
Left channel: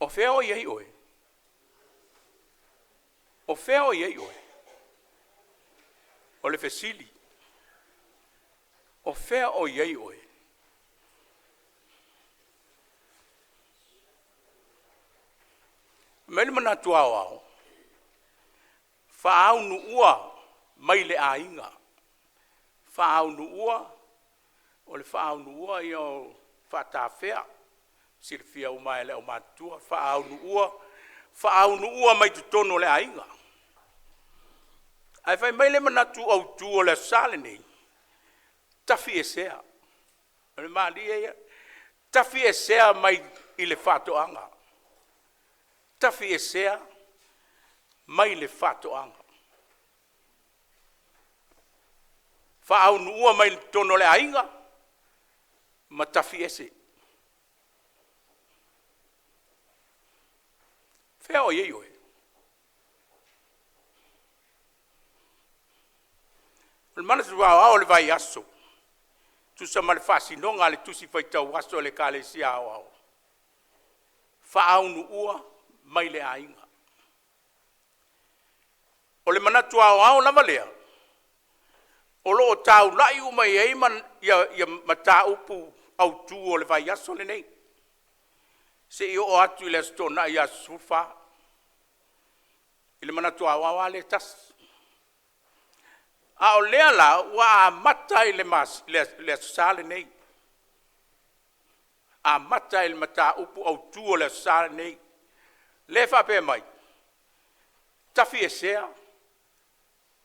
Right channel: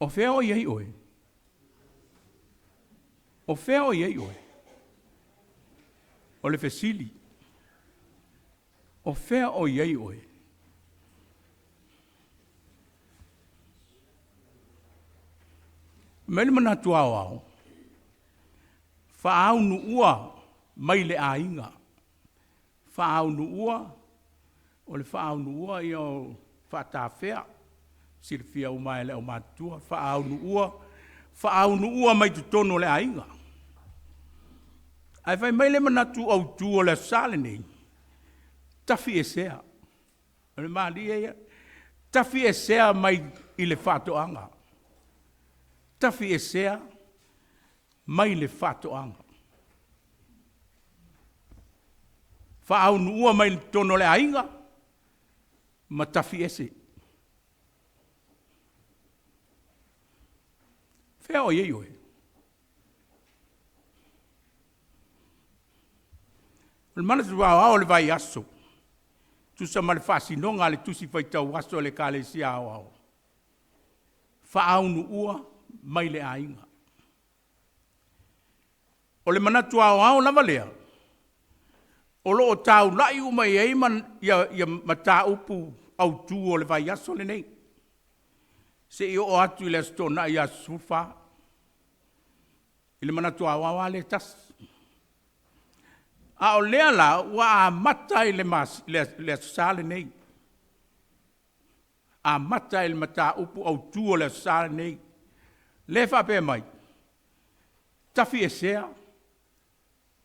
O whea o iei oe. O whea o iei oe. O le fesili. O whea o iei oe. Mele mana tuao au. Whaau nu ua mai le ainga. Whaau nu ua. O le whaau nu ua i o whatawhea. Sirfia umai le o matua. Whaau nu ua. Whaau nu ua mai tu tono le ainga. Ai whai mai le mana tu au tu o le sale nei. Tafi e sea. O le maa li eia. Tafi e sea mai i le whatoanga. Tafi e sea mai le whatoanga. Whaau nu ua mai tono le ainga. Ma tafi e se. Whea o iei oe. Le mana tu au le vai aso. Tu sa ma le whasinonga le tusi whaitau aso le ka le si au. Whaau nu ua mai le ainga. O le mana tu au lava lea. O lo o tau lai umai eiman ia mata upu au tu o le vai aso le nei. Se i o atu i le stona i a sufa. I le mana tu au le tas. A o lea la ua a mata i le sale nei. A mata i le mata upu au tu o le sale nei. Le whape mai. Tafi e sea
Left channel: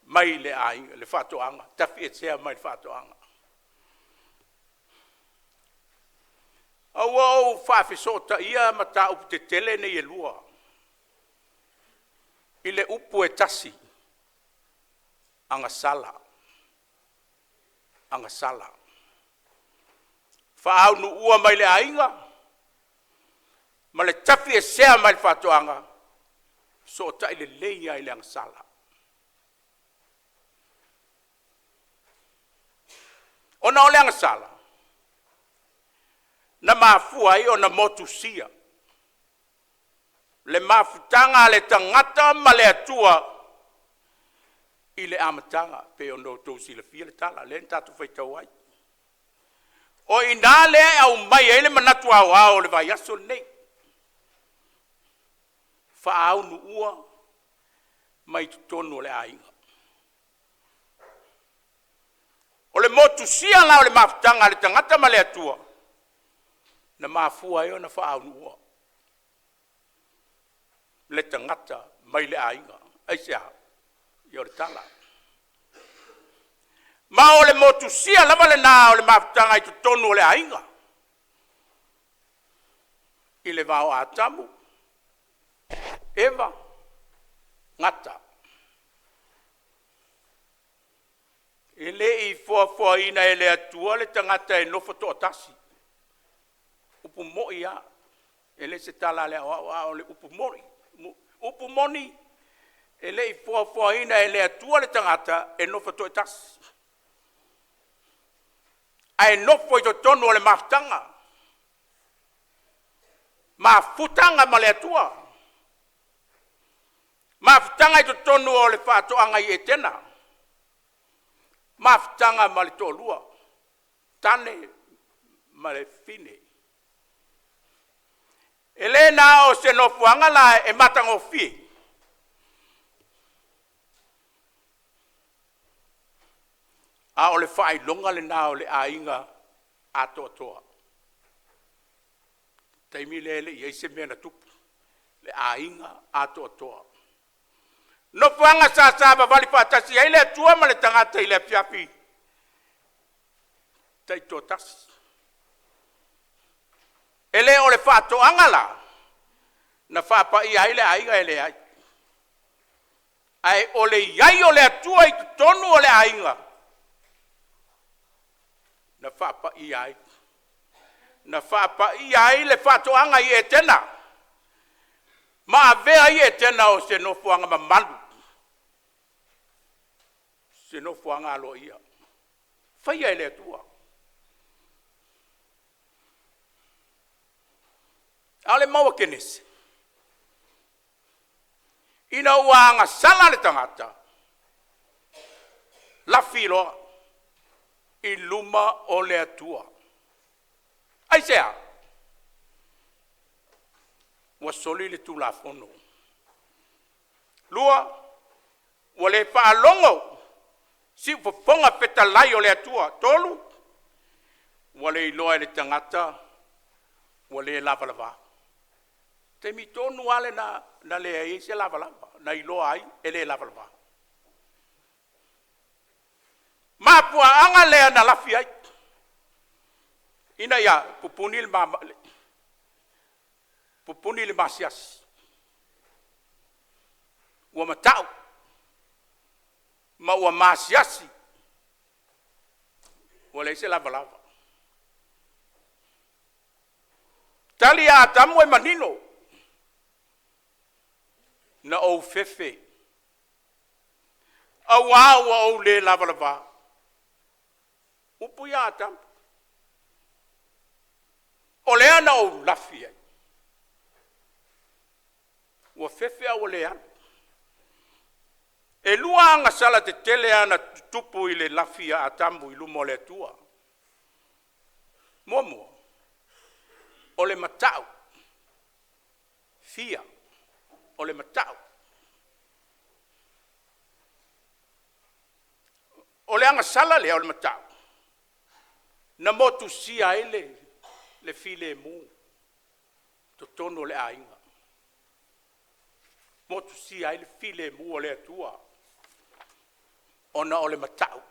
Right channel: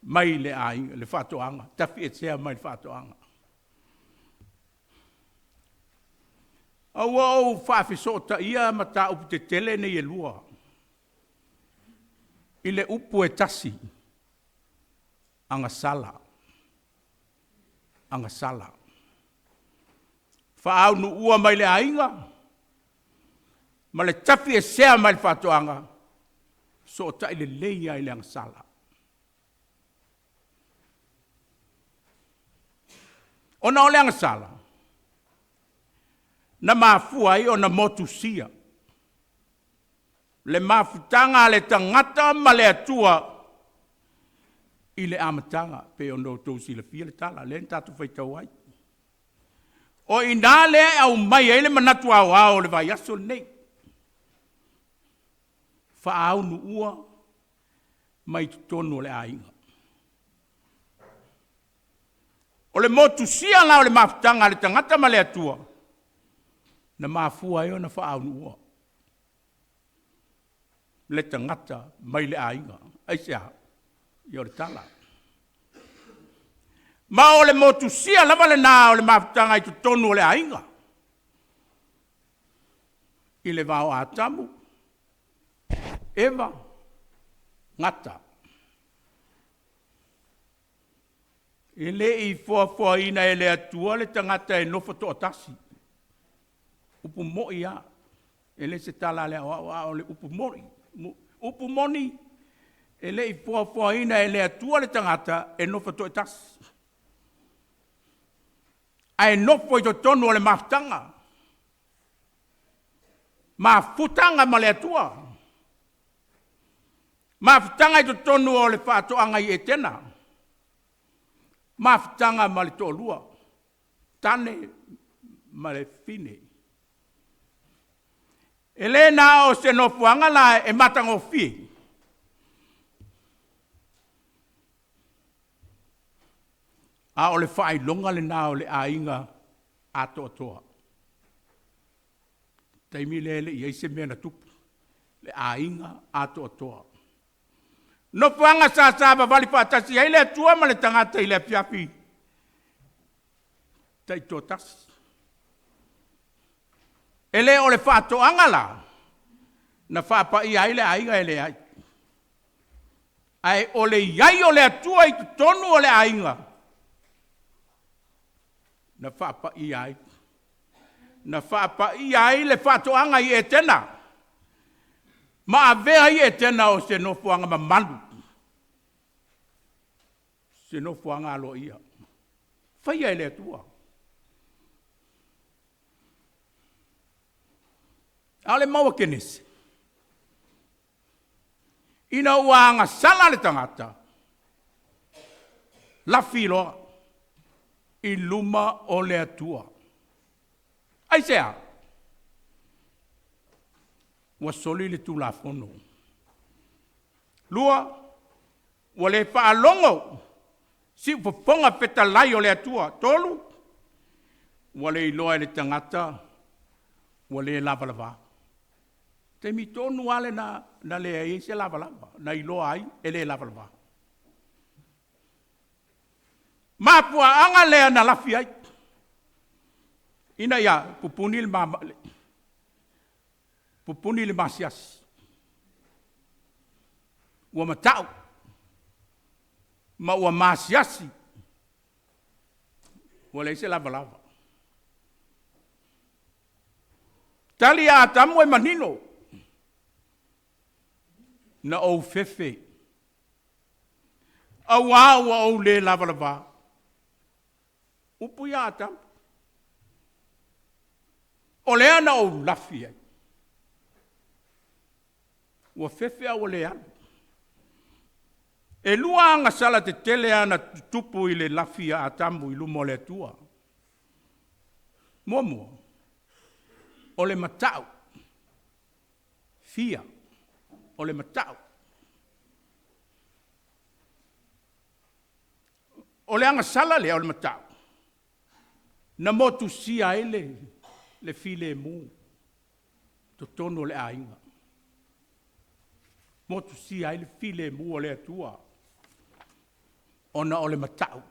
mai le ainga, le whatoanga. Tafi e sea mai le whatoanga. Au whawhisota ia mata upu te tele nei e lua. I le upu e tasi. Anga sala. Anga sala. Whaau nu ua mai le ainga. Ma le tafi e sea mai le whatoanga. So ta i le leia i le anga sala. Ona o le anga sala. Na mafua i o na motu sia. Le mafutanga le tangata ma le atua. I le amatanga pe ono tau sila fia le tala, le tatu fai tau ai. O ina le au mai ele manatu au le vai aso nei. Fa au nu ua mai tutonu le ainga. O le motu sia la o le mafutanga le tangata ma le atua. Na mafua eo na fa au nu ua. Le tangata mai le ainga. Aisea, yo le tala. Ma o le motu sia lava le nā o le mafutanga i tutonu o le ainga. I le vau a tamu. Eva. Ngata. E le i fua ina e le atua le tangata e nofo to atasi. Upu moi ia. E le se tala le o le upu mori. Upu moni. E le i fua ina e le atua le tangata e nofo to atasi. Ai nofo i to tonu o le mafutanga. Mafutanga ma le atua. Mafutanga i to tonu o le whaatoanga i e tena. Mafutanga ma le tōlua. Tane ma le fine. E le nā o se nofuanga la e matango fi. A o le whai longa le nā o le ainga ato atoa. Taimi le i eise mea tupu. Le ainga ato atoa. No fuanga sa vali fatasi ai le tua ma le tangata i le fiafi. Tai totas. Ele o le fato angala. Na fapa i ai le ainga ele ai. Ai o le iai o le atua i tonu o le ainga. Na fapa i ai. Na fapa i ai le fato anga i e tena. Ma avea i e tena o se no fuanga ma malu. Se no fuanga alo ia. Fai ai le atua. Ale maua kenese. Ina uanga sala le tangata. La filo i luma o le atua. Ai sea. Wa soli le tu la fono. Lua wa le fa longo. Si fonga peta lai o le atua. Tolu. Wa le iloa le tangata. Wa le lava lava. Te mi tonu ale na le ai se lava lava. Na iloa ai e le lava lava. Mapua anga lea na lafi ai. Ina ia pupuni le masias. Ua matau. Ma ua masiasi. Ua le se lava lava. Tali a tamu e manino. Na o fefe. Awa o le lava lava. Upu ia tamu. O lea na o lafi ai. Ua fefe a o lea. E lua anga sala te tele ana tupu i le lafi a tamu i lumo le tua. Momo. O le matau. Fia. O le matau. O le anga sala le o le matau. Na motu sia ele. Le file mu. To tono le ainga. Motu sia ele file mu o le atua. Ona o le matau.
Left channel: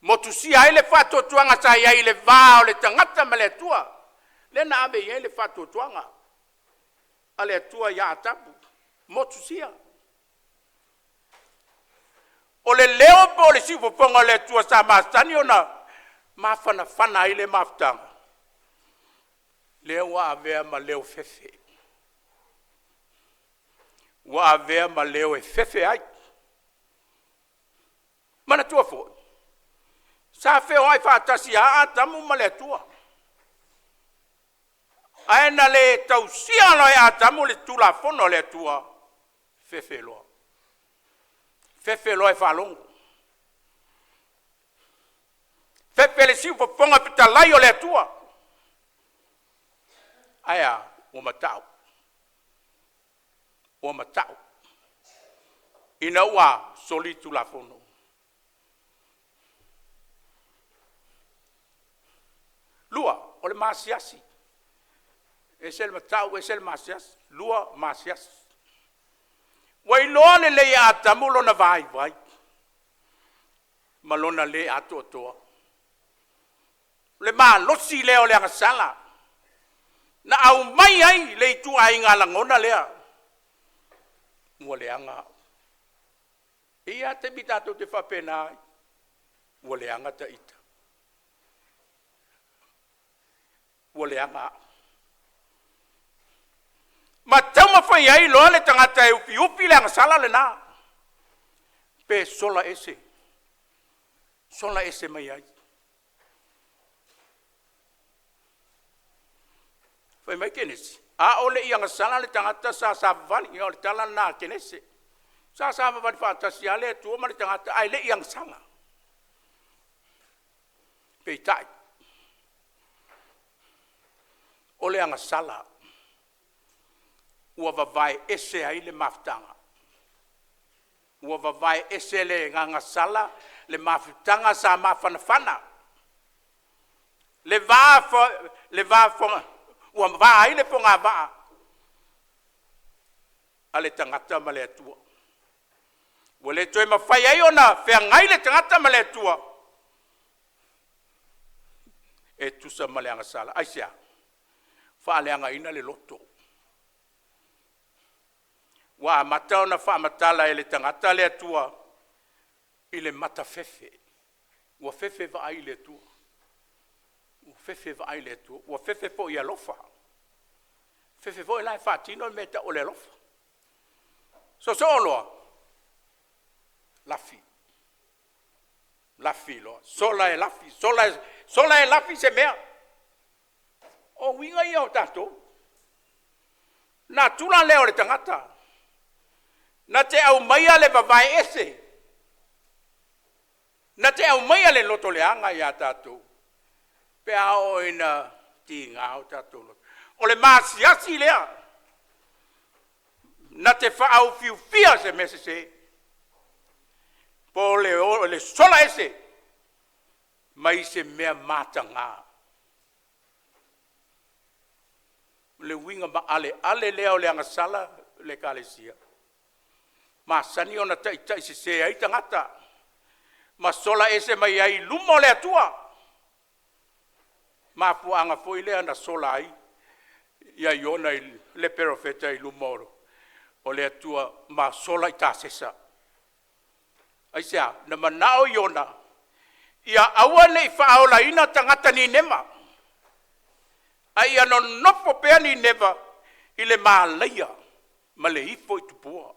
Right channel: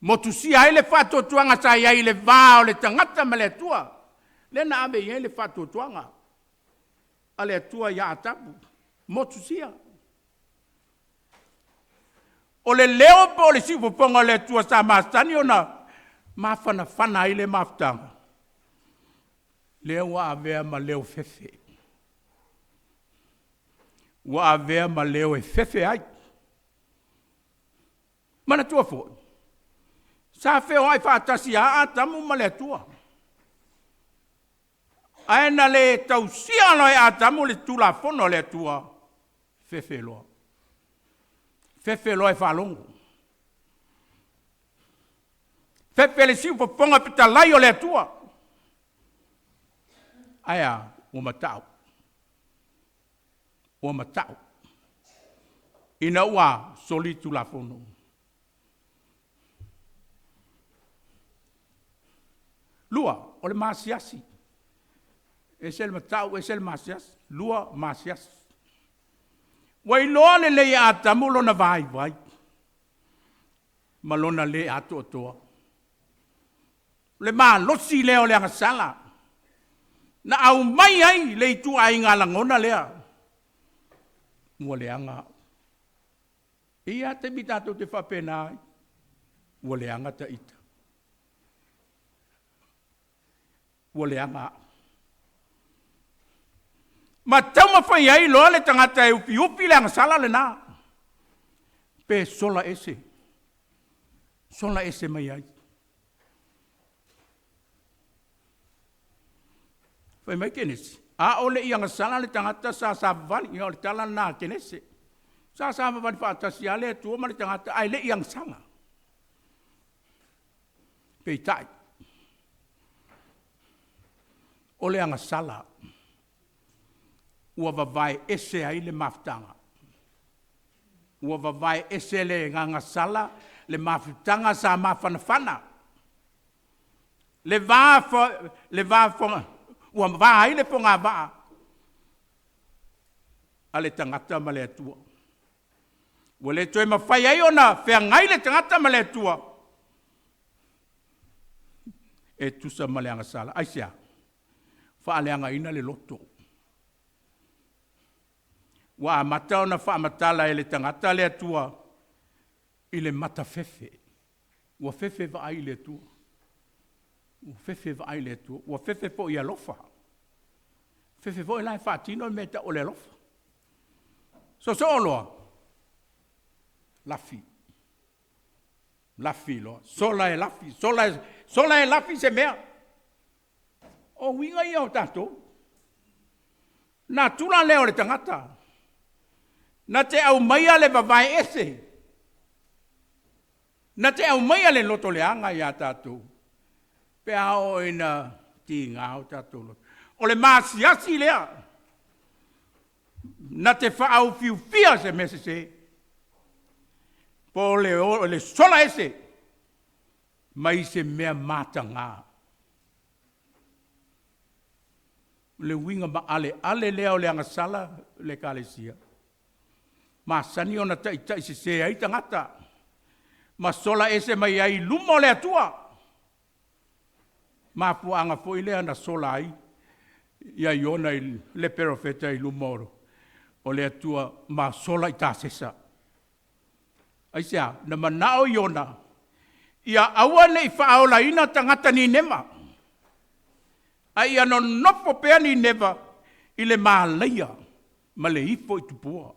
Motu sia ele fato tuanga sa ia ile va o le tangata ma le atua. Le na ame ia ile fato tuanga. A le atua ia atapu. Motu sia. O le leo po le sifu ponga le atua sa maastani ona. Mafana ile maftanga. Leo wa avea ma leo fefe. Wa avea ma leo e fefe ai. Mana tua fo. Sa feo ai fatasi a tamu ma le tua. Aena le tausia lo e atamu le tula fono le tua. Fefe loa. Fefe loe whalongo. Fefe le siu whaponga pita lai o le atua. Aia, o matau. O matau. Ina ua soli tu la fono. Lua, o le masiasi. Ese le matau, ese le masiasi. Lua, masiasi. Wai loa le le ata mulo na vai vai. Malona le ato atoa. Le ma losi leo le angasala. Na au mai ai le itu ai ngalangona lea. Mua le anga. Ia te bitato te whapena ai. Mua le anga ta ita. Mua le anga. Ma tauma whai ai loa le tangata e upi upi le angasala le nā. Pe sola ese. Sola ese mai ai. Whai mai kenesi. A ole i angasala le tangata sa vani. Ia o le tala nā kenesi. Sa vani whaatasi a le tua ma le tangata. Ai le i angasala. Pe tai. Ole angasala. Ua vavai ese ai le mafutanga. Ua vavai ese le ngangasala le mafutanga sa mafanafana. Le va fonga. Ua va ai le fonga va. Ale tangata ma le atua. Ua le toi mawhai ai ona whea ngai le tangata ma le atua. E tusa ma le angasala. Aisia. Whaaleanga ina le loto. Wa matau na wha matala e le tangata le atua i le mata fefe. Wa fefe va ai le atua. Wa fefe va ai le atua. Wa fefe po i alofa. Fefe po i lai whaatino me ta o le alofa. So oloa. Lafi. Lafi loa. Sola e lafi. Sola e lafi se mea. O winga i au tato. Na tula leo le tangata. Na te au maia le vavai ese. Na te au maia le loto le anga ia tātou. Pe ao ina ti ngāo tātou loto. O le māsiasi lea. Na te whaau fiu fia se mese se. Po le sola ese. Mai se mea mata ngā. Le winga ma ale leo le angasala le kalesia. Ma sani ona tai se ai tangata. Ma sola ese mai ai lumo le atua. Ma puanga foi le ana sola ai. Ia iona le perofeta i lumoro. O le atua ma sola i tāsesa. Aisea, na manao iona. Ia aua le i whaola ina tangata ni nema. Ai ano nopo pea ni neva i le maalaia. Ma le ifo i tupua.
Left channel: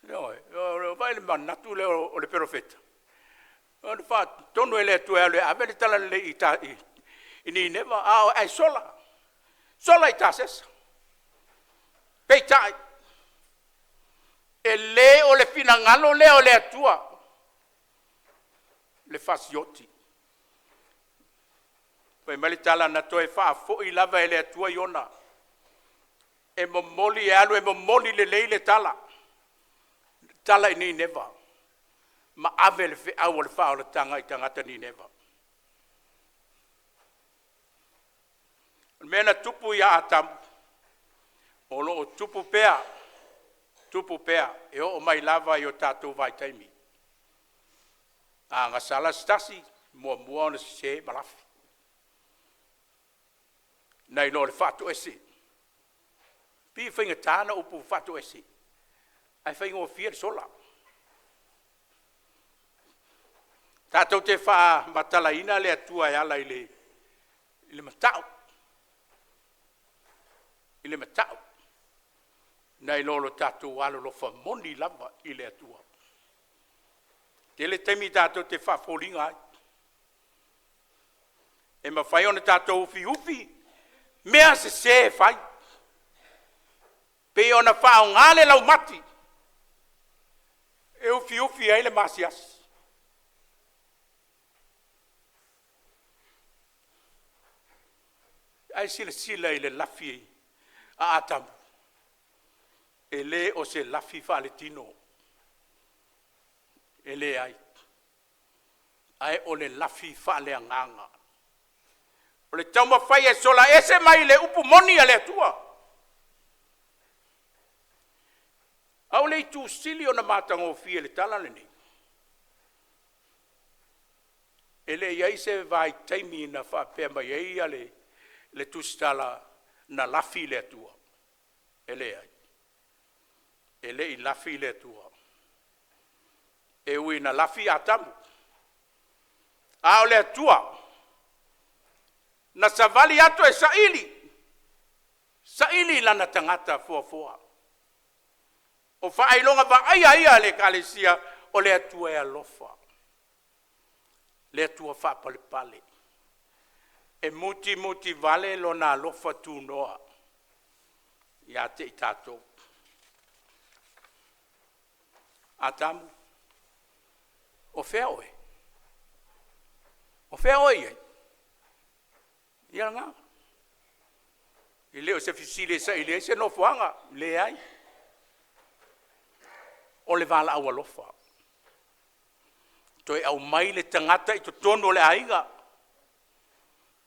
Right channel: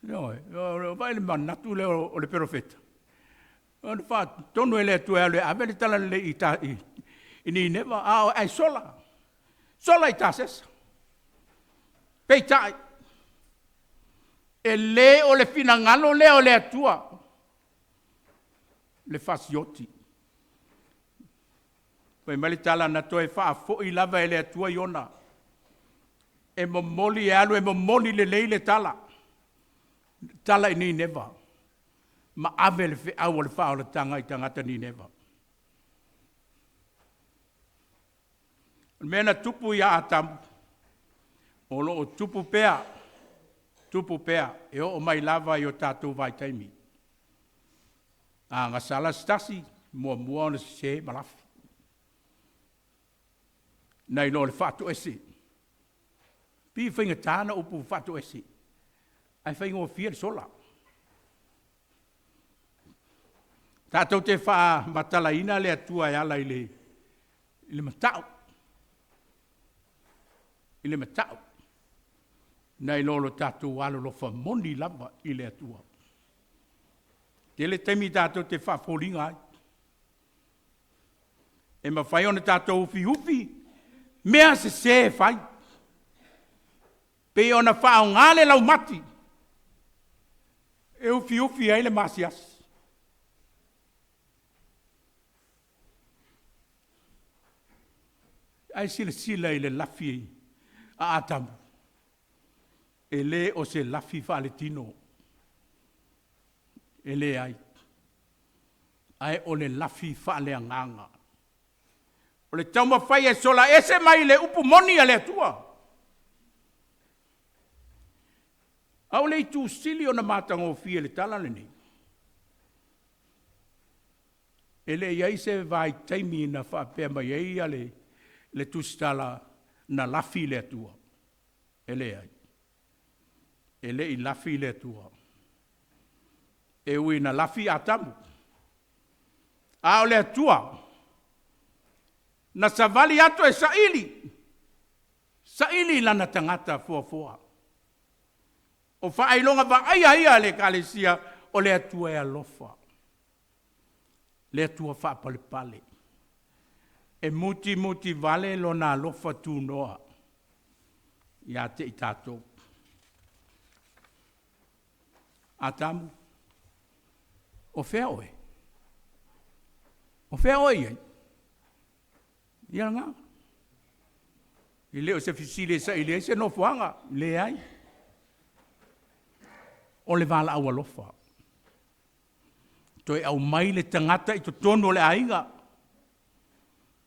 Vai le manatu le o le perofeta. O le wha tonu e le atu e le avele tala le i ni neva. Ai sola. Sola i tāsesa. Pei tai. E le o le finangalo le o le atua. Le fasioti. Pei mali tala na toe wha fo i lava e le atua iona. E momoli e alu e momoli le leile tala. Tala i ni neva. Ma ave le fe au le wha o le tanga i tangata ni neva. Mena tupu ia atamu. Olo o tupu pea. Tupu pea. E o mai lava i o tātou vai taimi. Ngā sala stasi. Mua ona se malafi. Nei lo le whatu ese. Pi whainga tāna upu whatu ese. Ai whainga o fia sola. Tātou te wha matala ina le atua e ala i le matau. I le matau. Nei lolo tātou alo lo wha moni lava i le atua. Te le temi tātou te wha fōringa ai. E ma whai ona tātou ufi. Mea se whai. Pe ona whao ngāle lau mati. E ufi ai le masias. Ai sila i le lafi a atamu. E le o se lafi faletino. E le ai. Ai o le lafi fale anganga. O le tauma fai e sola ese mai le upu moni a le atua. Au le tu sili o na matango fie le tala le ni. E le iai se vai taimi na whapea mai ei a le tu stala na lafi le atua. E le ai. E le i lafi le atua. E ui na lafi atamu. A o le atua. Na savali ato e saili. Saili lana tangata fua. O whaailonga wa ai le kalesia o le atua e alofa. Le atua whaapale. E muti vale lo na alofa tu noa. Ia te i tātou. Atamu. O whea oe. O whea oe iei. Ia ngā. I leo se fisile sa i leo se no fuanga. Le ai. O le vala au alofa. Toi au mai le tangata i to tono le ainga.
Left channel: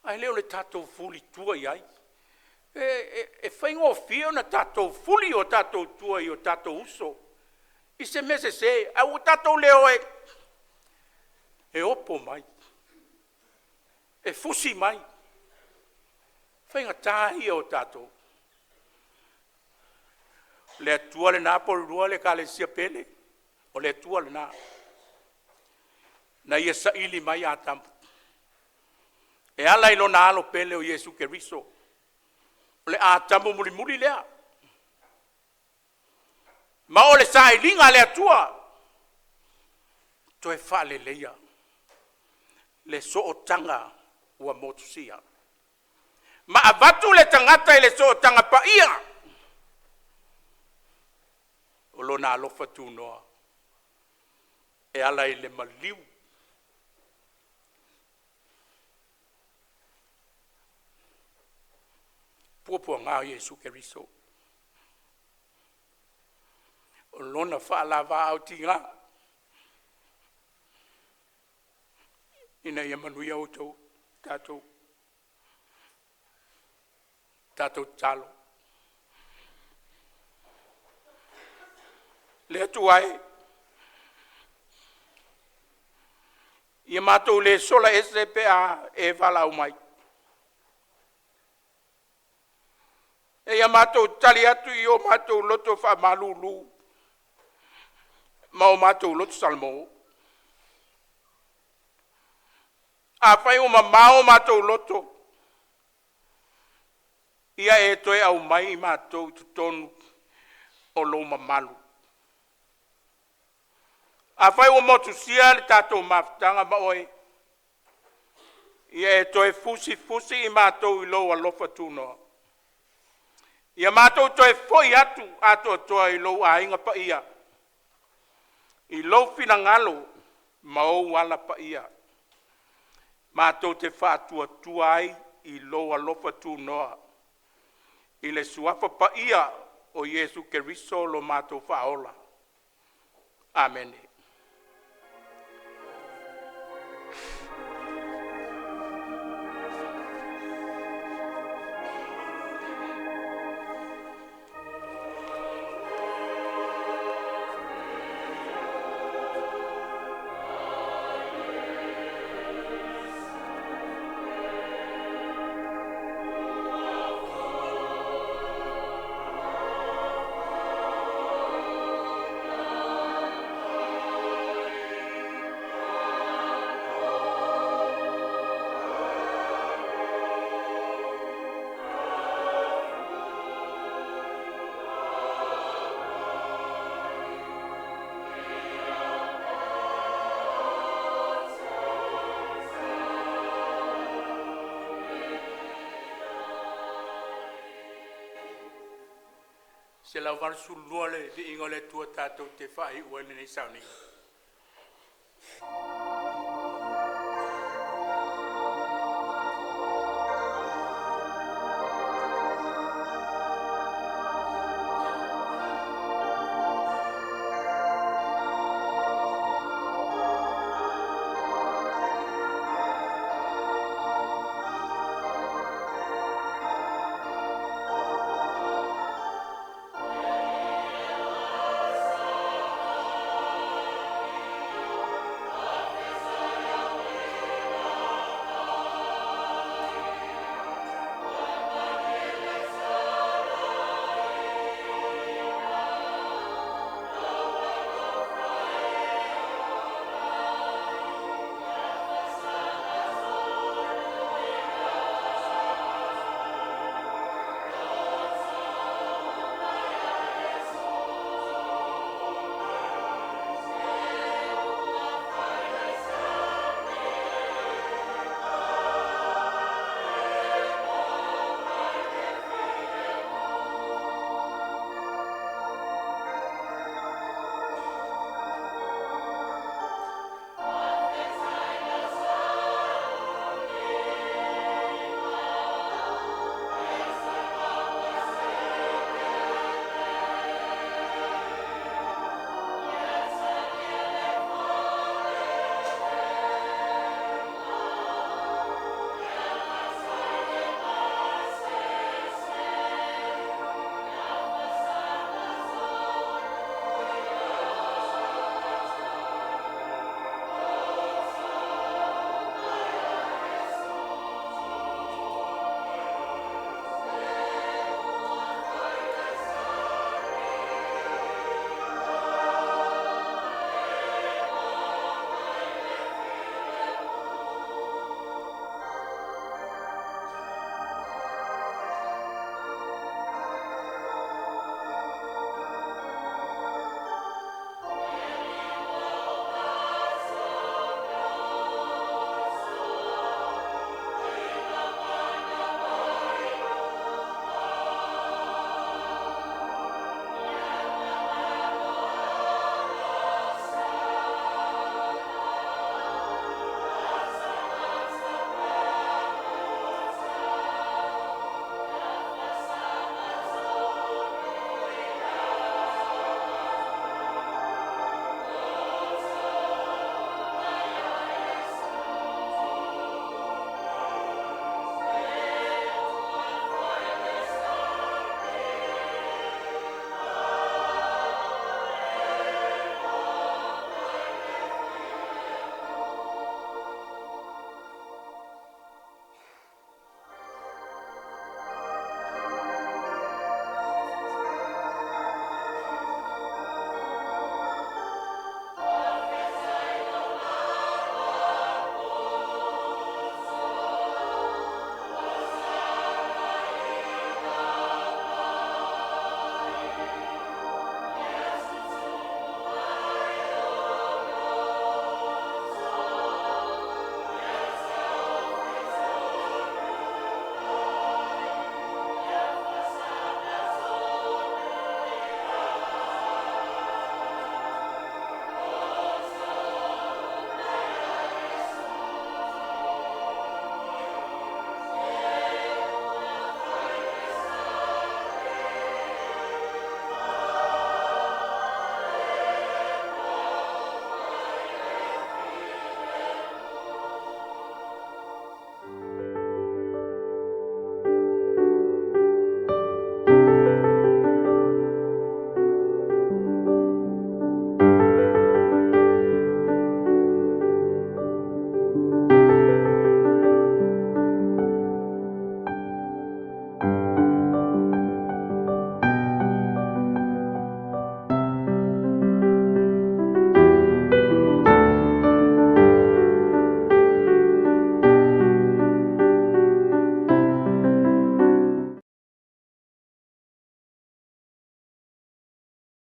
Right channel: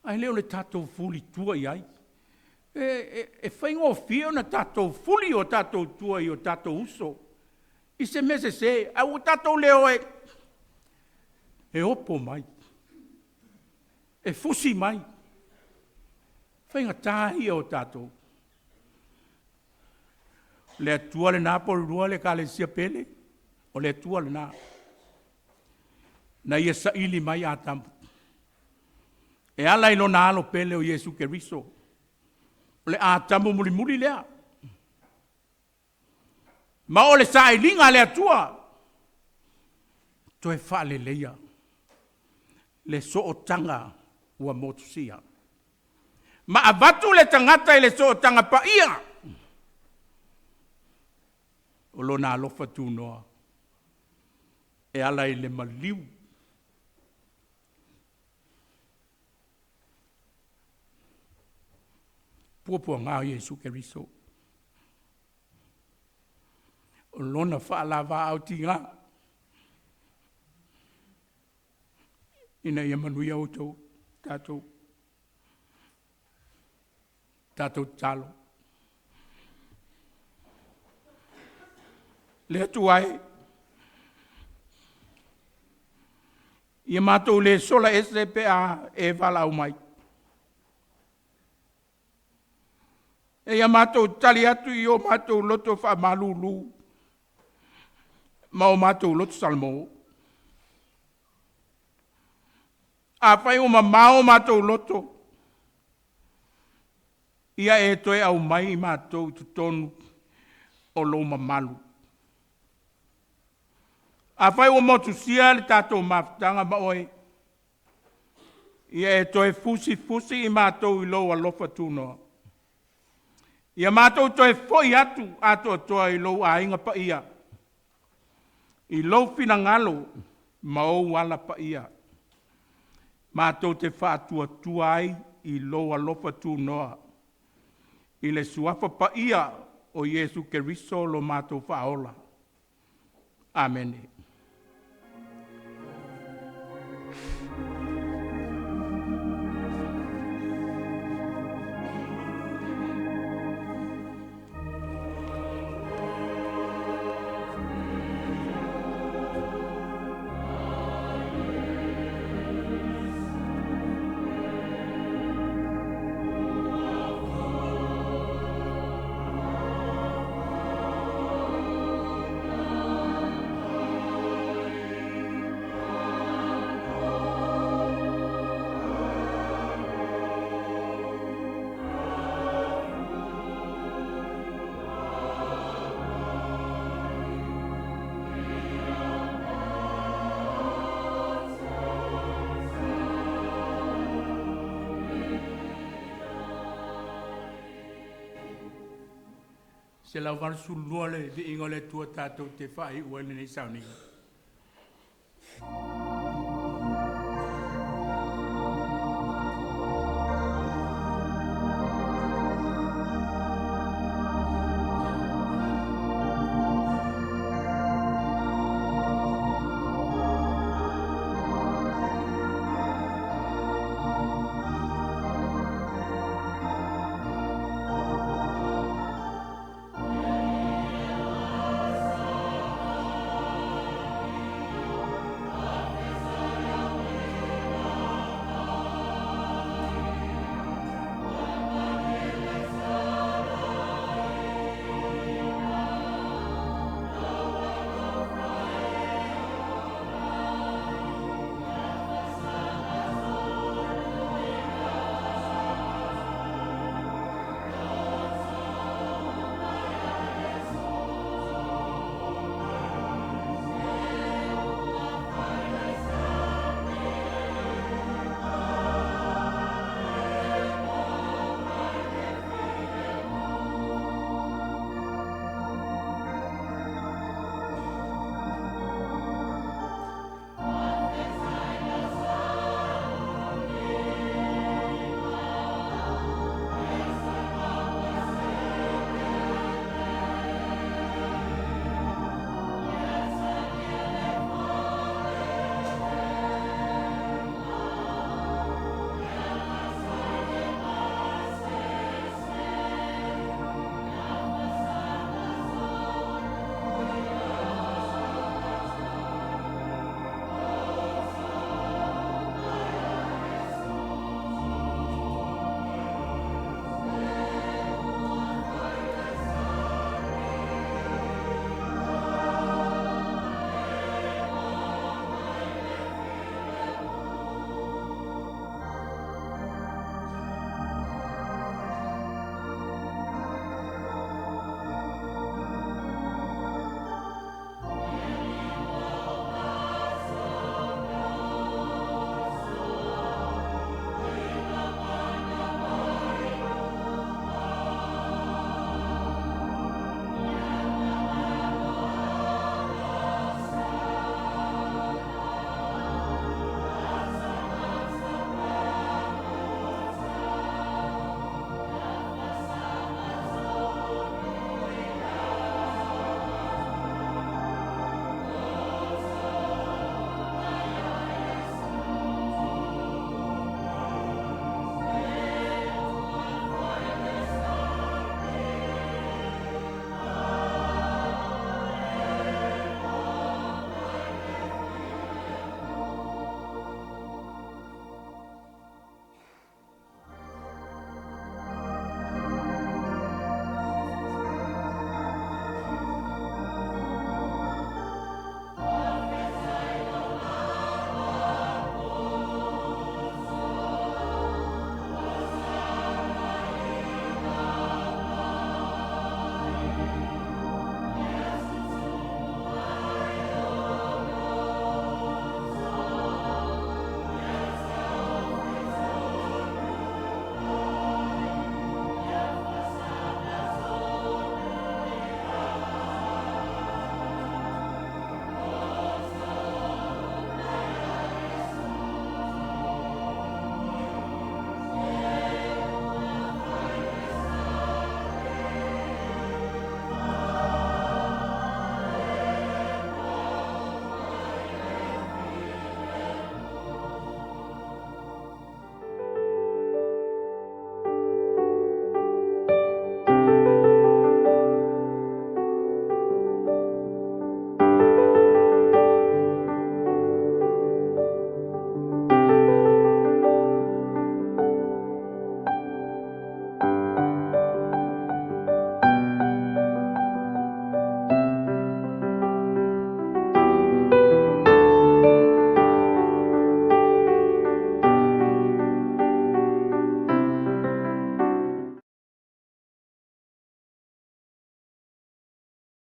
Ai leo le tātou fuli tua i ai. E whaingo fio na tātou fuli o tātou tua i o tātou uso. I se mese se, au tātou leo e opo mai. E fusi mai. Whainga tāhi o tātou. Le atua le nā Porirua le kalesia pele. O le atua le nā. Na ia sa ili mai atamu. E ala ilo na alo pele o Yesu Keriso. O le atamu muli lea. Ma o le sa ilinga le atua. Toe wha le leia. Le so o tanga ua motusia. Ma avatu le tangata i le so o tanga pa ia. O lo na alofa tu noa. E ala i le maliu. Puapua ngā Yesu Keriso. O lona whaalava au ti ngā. Ina ia manui au tau, tātou. Tātou talo. Le atu ai. Ia mātou le sola ese pe a e wala au mai. E ia mātou tali atu i o mātou loto wha malulu. Ma o mātou loto salmo. A whai o mamao mātou loto. Ia e toe au mai mātou tutonu o lo mamalu. A whai o motu sia le tātou mawhtanga ma oe. Ia e toe fusi i mātou i lo alofa tūnoa. Ia mātou toe foi atu ato toa i lo a inga pa ia. I lo fina ngalo ma o wala pa ia. Mātou te whātua tuai i lo alofa tūnoa. I le suafa pa ia o Yesu Keriso lo mātou whaola. Amen. Se la van sulua le vi ingole tua tatou te whai ua nei Sauniga.